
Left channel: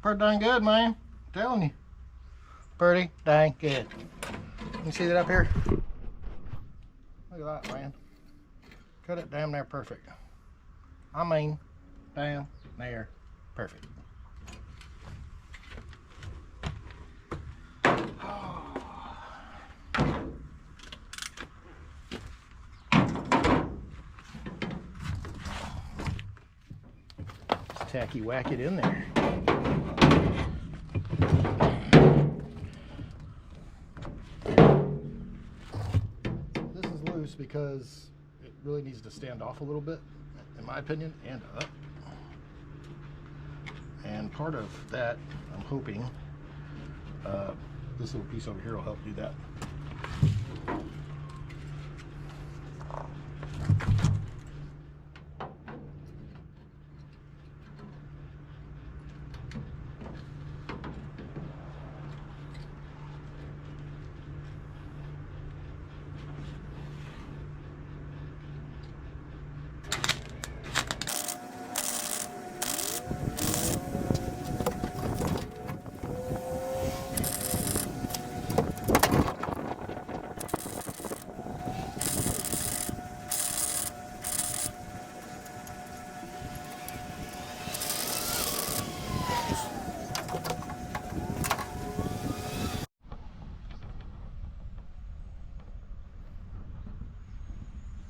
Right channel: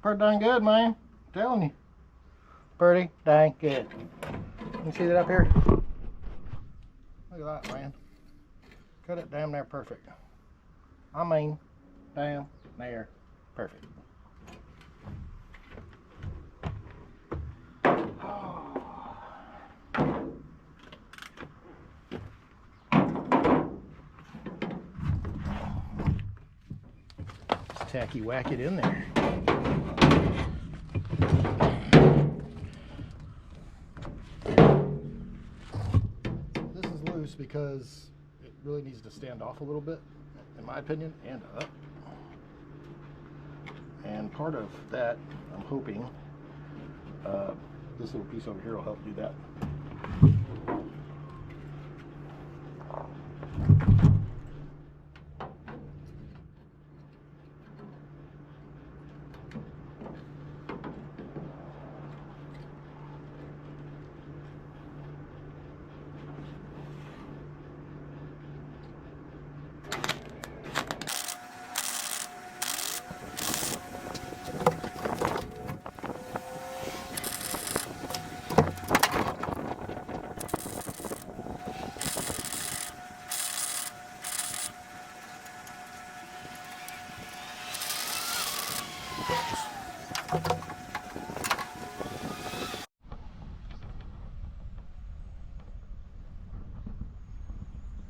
Pretty dang good, man. I'm telling you. Pretty dang good. You see that up here? Look at that, man. Cut it damn near perfect. I mean, damn near perfect. Just tacky whack it in there. This is loose because it really needs to stand off a little bit, in my opinion, and up. And part of that, I'm hoping, this little piece over here will help do that.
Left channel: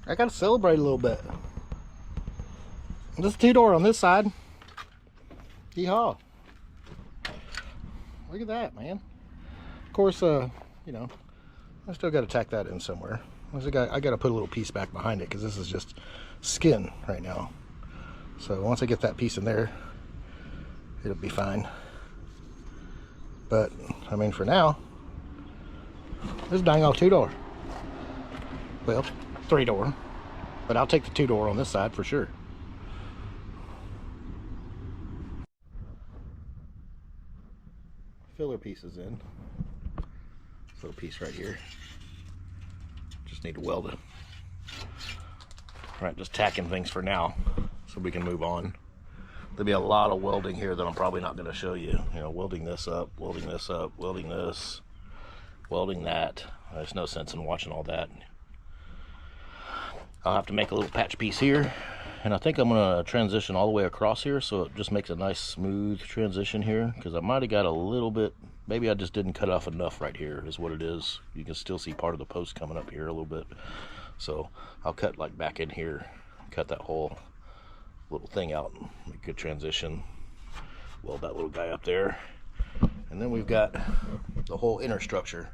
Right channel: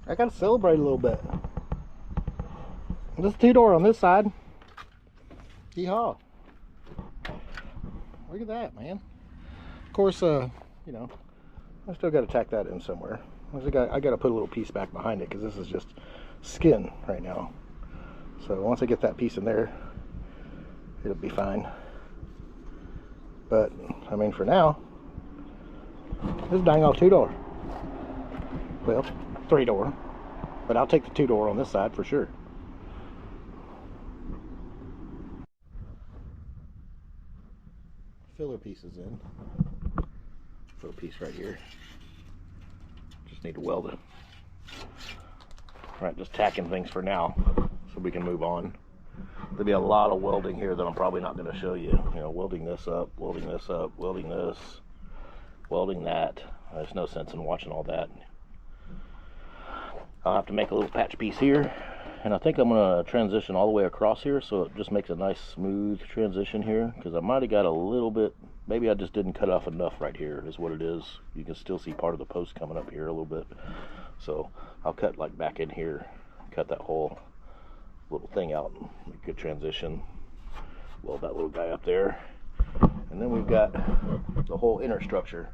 I gotta celebrate a little bit. This two-door on this side. Yeehaw. Look at that, man. Of course, you know, I still gotta tack that in somewhere. I gotta put a little piece back behind it because this is just skin right now. So once I get that piece in there, it'll be fine. But, I mean, for now, this dang old two-door. Well, three-door, but I'll take the two-door on this side for sure. Filler pieces in. This little piece right here. Just need to weld it. All right, just tacking things for now so we can move on. There'll be a lot of welding here that I'm probably not going to show you. You know, welding this up, welding this up, welding this, welding that. There's no sense in watching all that. I'll have to make a little patch piece here, and I think I'm going to transition all the way across here so it just makes a nice smooth transition here, because I might have got a little bit, maybe I just didn't cut off enough right here is what it is. You can still see part of the post coming up here a little bit, so I'll cut like back in here, cut that whole little thing out, make a good transition, weld that little guy up there, and then we've got the whole inner structure.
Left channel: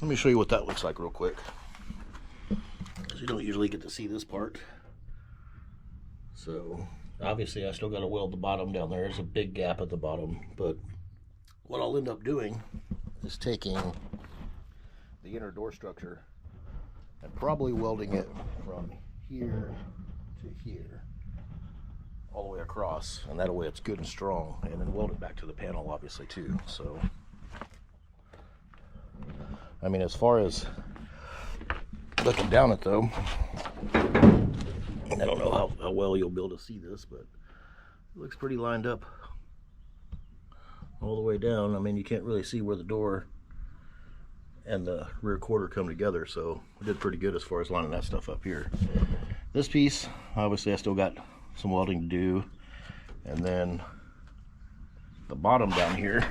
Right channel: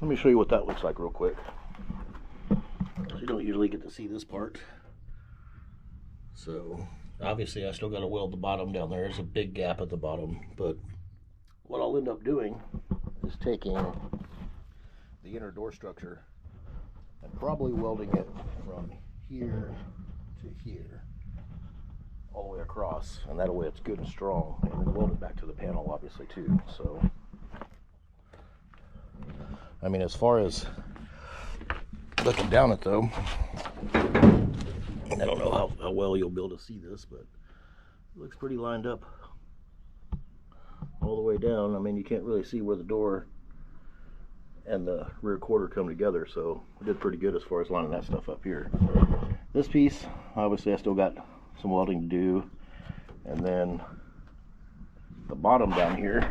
Let me show you what that looks like real quick. You don't usually get to see this part. So obviously I still got to weld the bottom down there. There's a big gap at the bottom, but what I'll end up doing is taking the inner door structure and probably welding it from here to here all the way across, and that way it's good and strong, and then weld it back to the panel obviously too. So I mean, as far as looking down it though, I don't know how well you'll be able to see this, but it looks pretty lined up all the way down. I mean, you can't really see where the door and the rear quarter come together, so I did pretty good as far as lining that stuff up here. This piece, obviously I still got some welding to do, and then the bottom down here,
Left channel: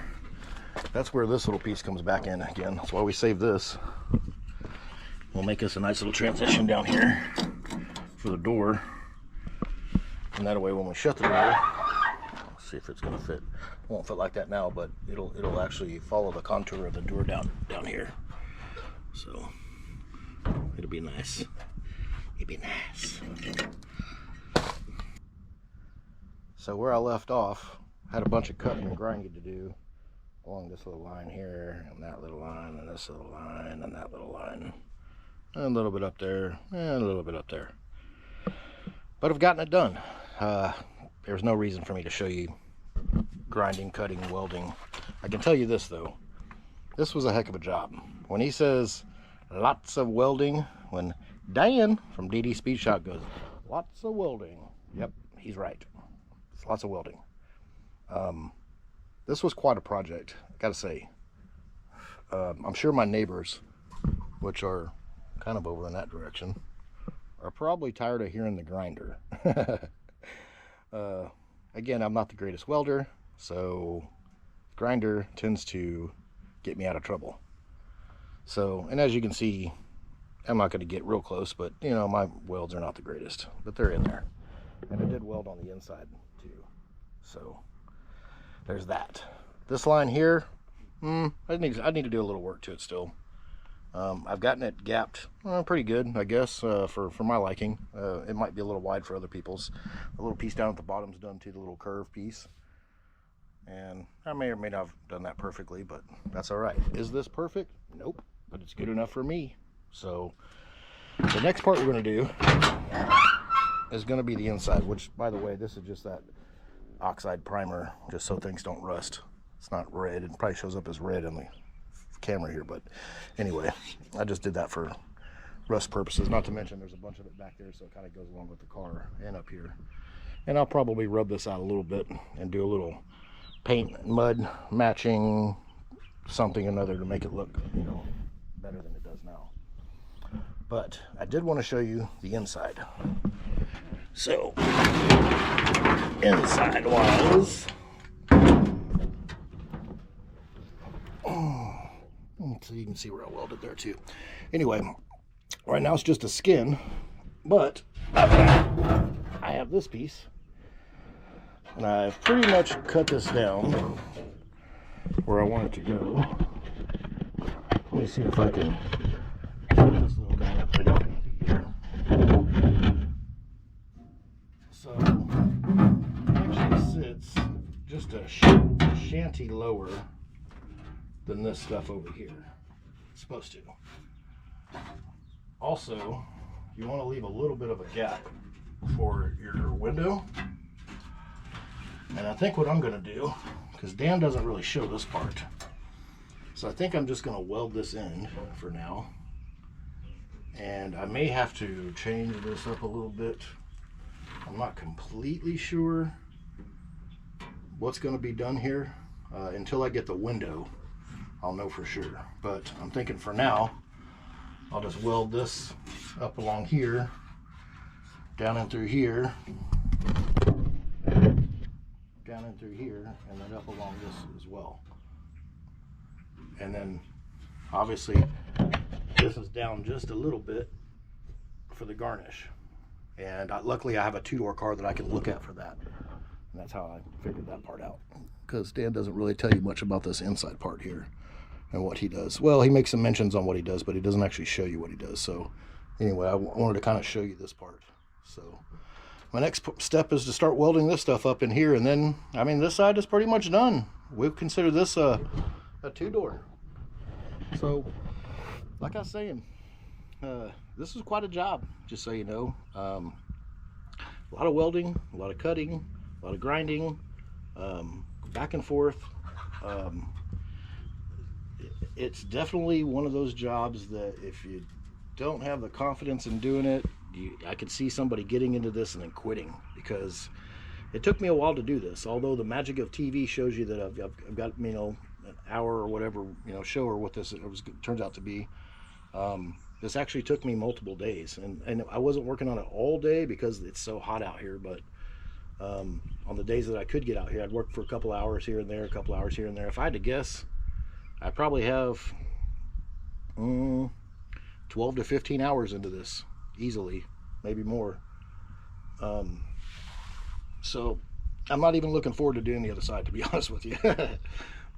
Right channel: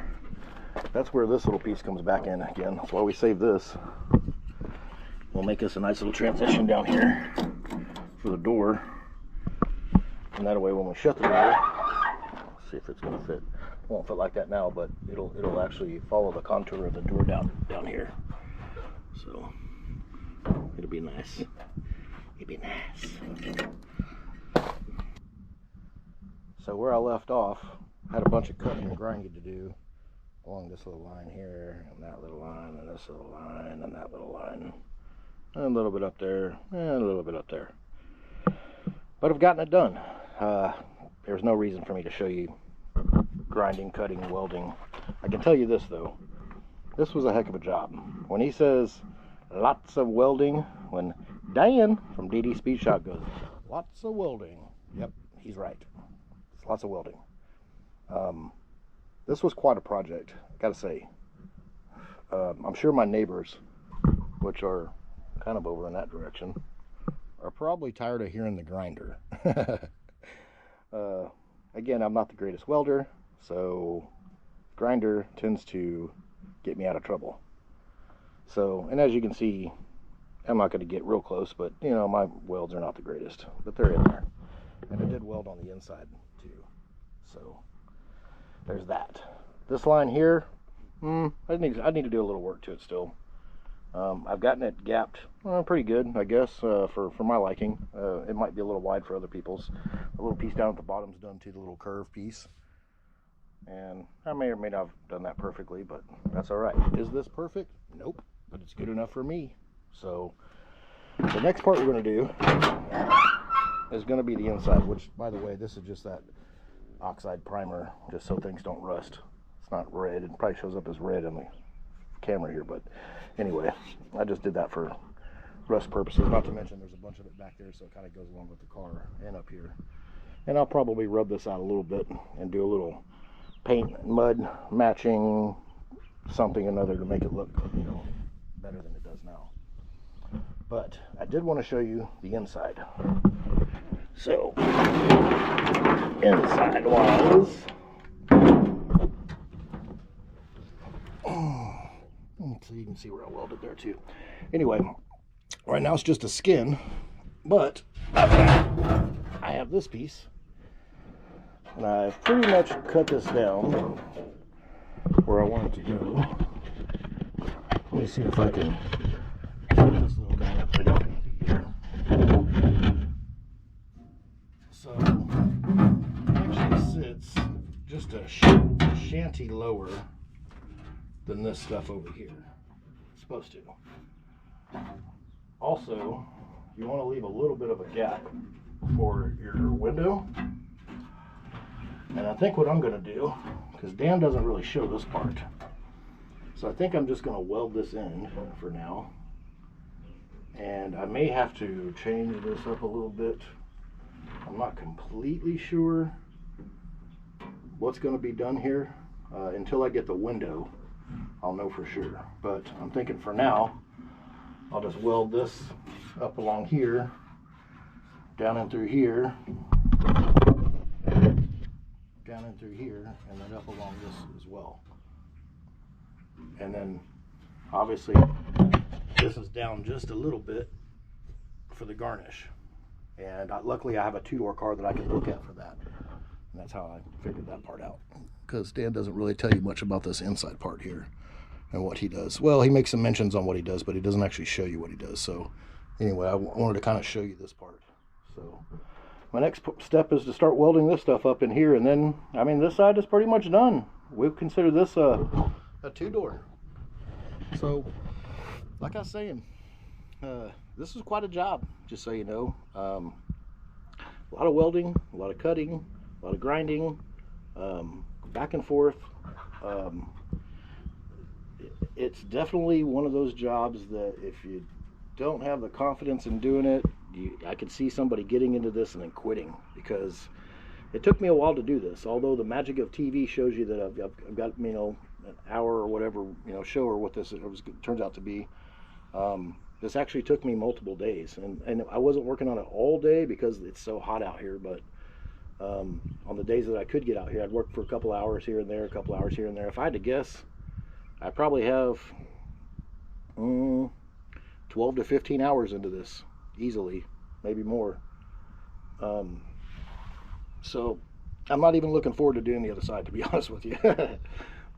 that's where this little piece comes back in again. That's why we saved this. We'll make us a nice little transition down here for the door, and that way when we shut the door, let's see if it's going to fit. It won't fit like that now, but it'll actually follow the contour of the door down here. So it'll be nice. It'll be nice. So where I left off, I had a bunch of cutting and grinding to do along this little line here, and that little line, and this little line, and that little line. And a little bit up there, and a little bit up there. But I've gotten it done. There's no reason for me to show you grinding, cutting, welding. I can tell you this though. This was a heck of a job. When he says lots of welding, when Dan from DD Speed Shop goes, lots of welding. Yep, he's right. It's lots of welding. this was quite a project, I gotta say. I'm sure my neighbors, which are kind of over in that direction, are probably tired of hearing the grinder. Again, I'm not the greatest welder, so grinder tends to get me out of trouble. So, and as you can see, I'm not going to get real close, but you know, my welds are not the greatest, but they're in there. And I did weld on the inside too. So there's that. This line here, I need to do a little work to it still. I've gotten it gapped pretty good, I guess, for my liking. It might be a little wide for other people's. The little piece down at the bottom's done to the little curve piece. And I may or may not have done that perfectly, but that's all right. Is this perfect? Nope, but it's good enough for me. So the next part we're going to do is going to be the inside, which, by the way, this is just that oxide primer, just so things don't rust. It's not red. It probably shows up as red on the camera here, but anyway, I just did that for rust purposes. Not to mention there's a bunch of it back there, so it kind of goes along with the car and up here. And I'll probably rub this out a little bit and do a little paint and mud matching something or another to make it look, you know, better than it does now. But I did want to show you the inside. So inside was, so you can see where I welded there too. Anyway, right now it's just a skin, but I have this piece, and I've pretty much cut this down where I want it to go. Let me see if I can put this little guy up here. So it actually sits just a shanty lower than this stuff over here. It's supposed to. Also, you want to leave a little bit of a gap for your window. And I think what I'm going to do, because Dan doesn't really show this part, so I think I'm just going to weld this in for now. And I may have to change this up a little bit. I'm not completely sure what's going to be done here until I get the window. I'll know for sure. But I'm thinking for now, I'll just weld this up along here, down in through here, down in through here, and then up along this as well. And then obviously this is down just a little bit for the garnish. And luckily I have a two-door car that I can look at for that. And that's how I figured that part out. Because Dan doesn't really tell you much about this inside part here and what he does. Well, he makes some mentions on what he does, but he doesn't actually show you what he does. So anyway, I wanted to kind of show you this part. So my next step is to start welding this stuff up in here, and then, I mean, this side is pretty much done. We've considered this a two-door. So, like I was saying, this is quite a job, just so you know. A lot of welding, a lot of cutting, a lot of grinding, back and forth. It's definitely one of those jobs that if you don't have the confidence in doing it, I could see somebody getting into this and then quitting, because it took me a while to do this. Although the magic of TV shows you that I've got, you know, an hour or whatever, you know, show or what this turns out to be. This actually took me multiple days, and I wasn't working on it all day because it's so hot out here. But on the days that I could get out here, I'd work for a couple hours here and there, a couple hours here and there. If I had to guess, I probably have 12 to 15 hours into this easily, maybe more. So I'm not even looking forward to doing the other side, to be honest with you.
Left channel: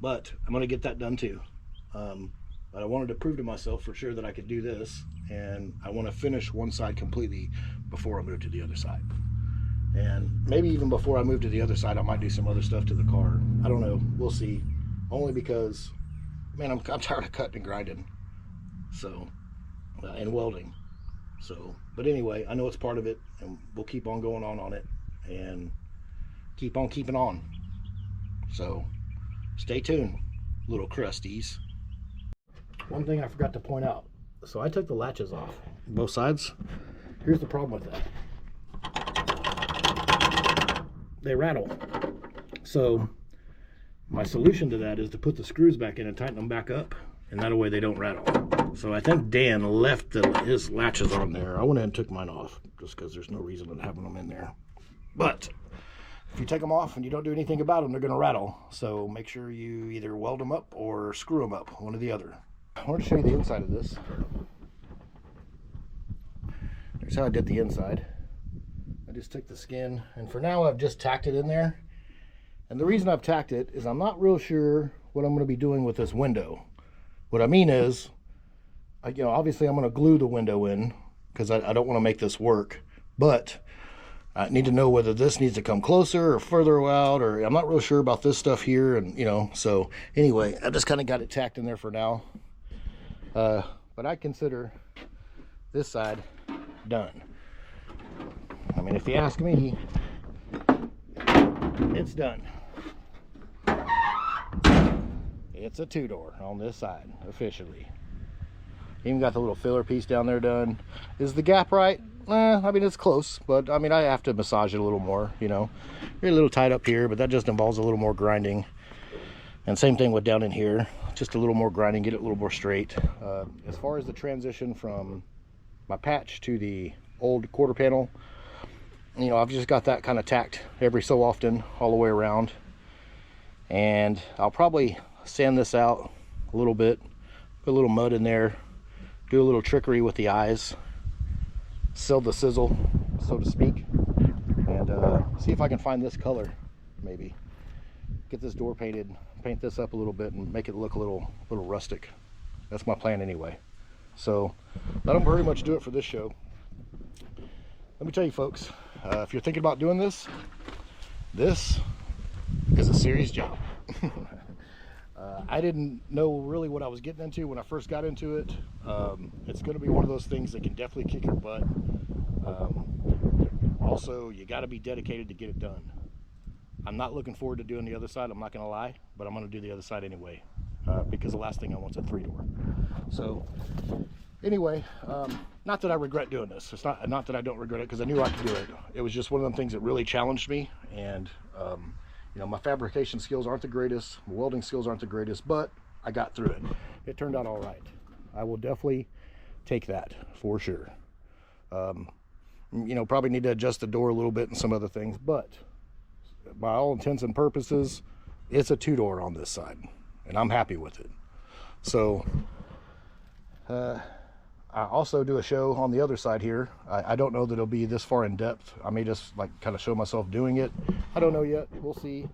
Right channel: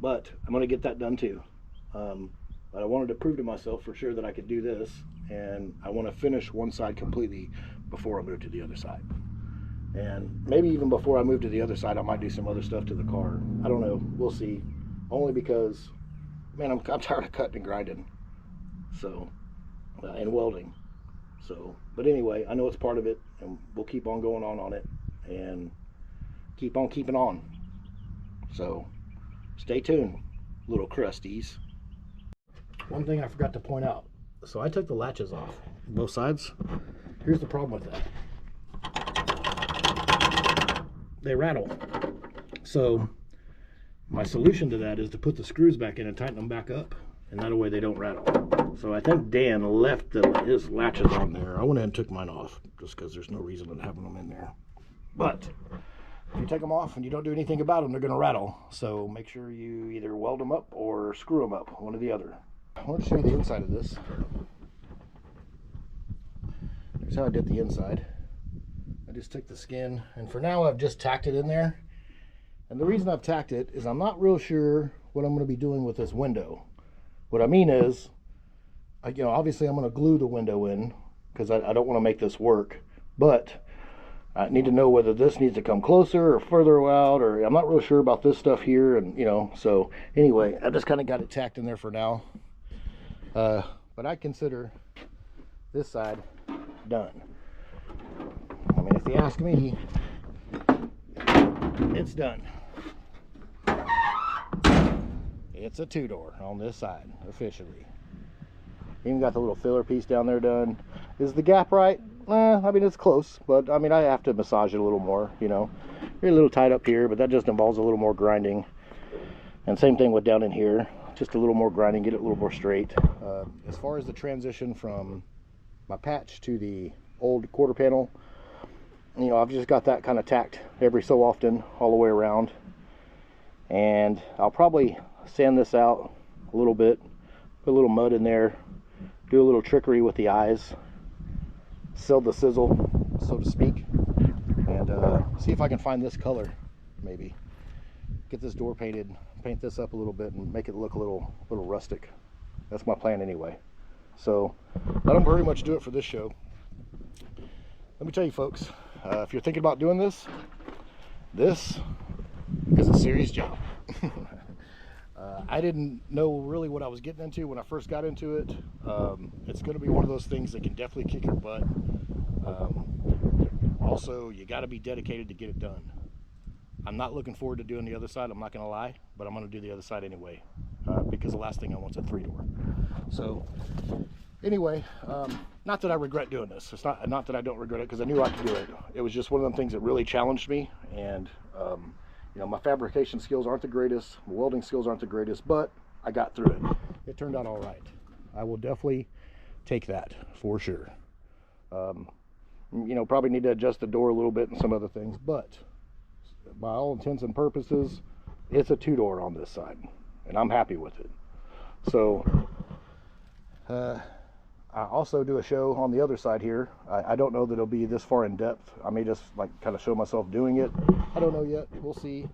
But I'm going to get that done too. But I wanted to prove to myself for sure that I could do this, and I want to finish one side completely before I move to the other side. And maybe even before I move to the other side, I might do some other stuff to the car. I don't know. We'll see. Only because, man, I'm tired of cutting and grinding. So, and welding. So, but anyway, I know it's part of it, and we'll keep on going on it, and keep on keeping on. So, stay tuned, little crusties. One thing I forgot to point out. So I took the latches off, both sides. Here's the problem with that. They rattle. So my solution to that is to put the screws back in and tighten them back up, and that way they don't rattle. So I think Dan left his latches on there. I went ahead and took mine off just because there's no reason in having them in there. But if you take them off and you don't do anything about them, they're going to rattle. So make sure you either weld them up or screw them up, one or the other. I want to show you the inside of this. Here's how I did the inside. I just took the skin, and for now I've just tacked it in there. And the reason I've tacked it is I'm not real sure what I'm going to be doing with this window. What I mean is, obviously I'm going to glue the window in because I don't want to make this work. But I need to know whether this needs to come closer or further out, or I'm not real sure about this stuff here. And so anyway, I just kind of got it tacked in there for now. But I consider this side done. I mean, if you ask me, it's done. It's a two-door on this side, officially. Even got the little filler piece down there done. Is the gap right? I mean, it's close, but I mean, I have to massage it a little more, You're a little tight up here, but that just involves a little more grinding. And same thing with down in here, just a little more grinding, get it a little more straight. As far as the transition from my patch to the old quarter panel, I've just got that kind of tacked every so often all the way around. And I'll probably sand this out a little bit, put a little mud in there, do a little trickery with the eyes, sell the sizzle, so to speak, and see if I can find this color, maybe. Get this door painted, paint this up a little bit, and make it look a little rustic. That's my plan anyway. So that'll very much do it for this show. Let me tell you folks, if you're thinking about doing this is a serious job. I didn't know really what I was getting into when I first got into it. It's going to be one of those things that can definitely kick your butt. Also, you got to be dedicated to get it done. I'm not looking forward to doing the other side, I'm not going to lie, but I'm going to do the other side anyway, because the last thing I want is a three-door. So anyway, not that I regret doing this. It's not that I don't regret it, because I knew I could do it. It was just one of them things that really challenged me. And my fabrication skills aren't the greatest, my welding skills aren't the greatest, but I got through it. It turned out all right. I will definitely take that for sure. Probably need to adjust the door a little bit and some other things, but by all intents and purposes, it's a two-door on this side, and I'm happy with it. So I also do a show on the other side here. I don't know that it'll be this far in depth. I may just kind of show myself doing it. I don't know yet. We'll see.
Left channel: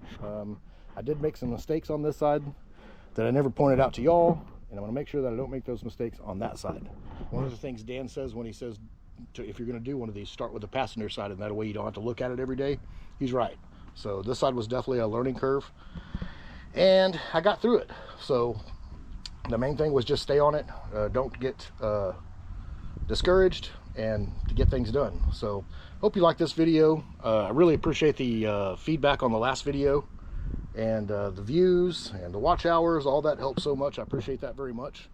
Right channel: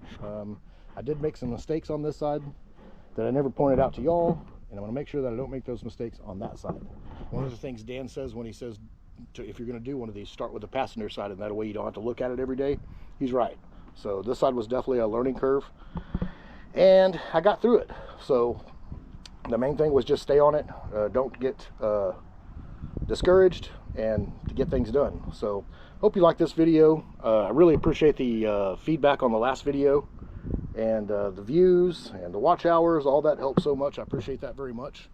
I did make some mistakes on this side that I never pointed out to y'all, and I'm going to make sure that I don't make those mistakes on that side. One of the things Dan says when he says, if you're going to do one of these, start with the passenger side, and that way you don't have to look at it every day. He's right. So this side was definitely a learning curve, and I got through it. So the main thing was just stay on it. Don't get discouraged, and to get things done. So hope you like this video. I really appreciate the feedback on the last video, and the views and the watch hours. All that helps so much. I appreciate that very much.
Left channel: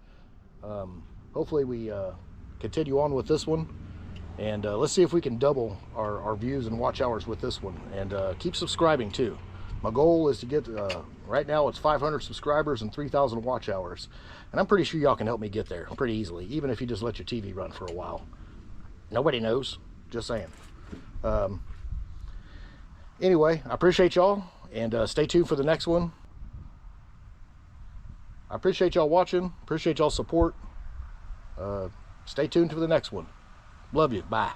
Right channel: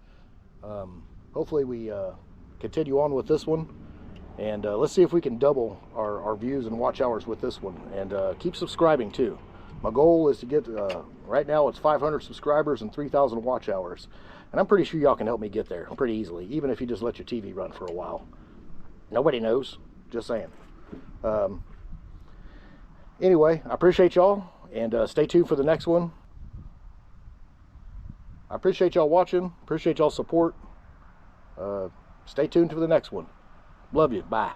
Hopefully we continue on with this one, and let's see if we can double our views and watch hours with this one, and keep subscribing too. My goal is to get right now it's 500 subscribers and 3,000 watch hours, and I'm pretty sure y'all can help me get there pretty easily, even if you just let your TV run for a while. Nobody knows, just saying. Anyway, I appreciate y'all, and stay tuned for the next one. I appreciate y'all watching, appreciate y'all support. Stay tuned for the next one. Love you. Bye.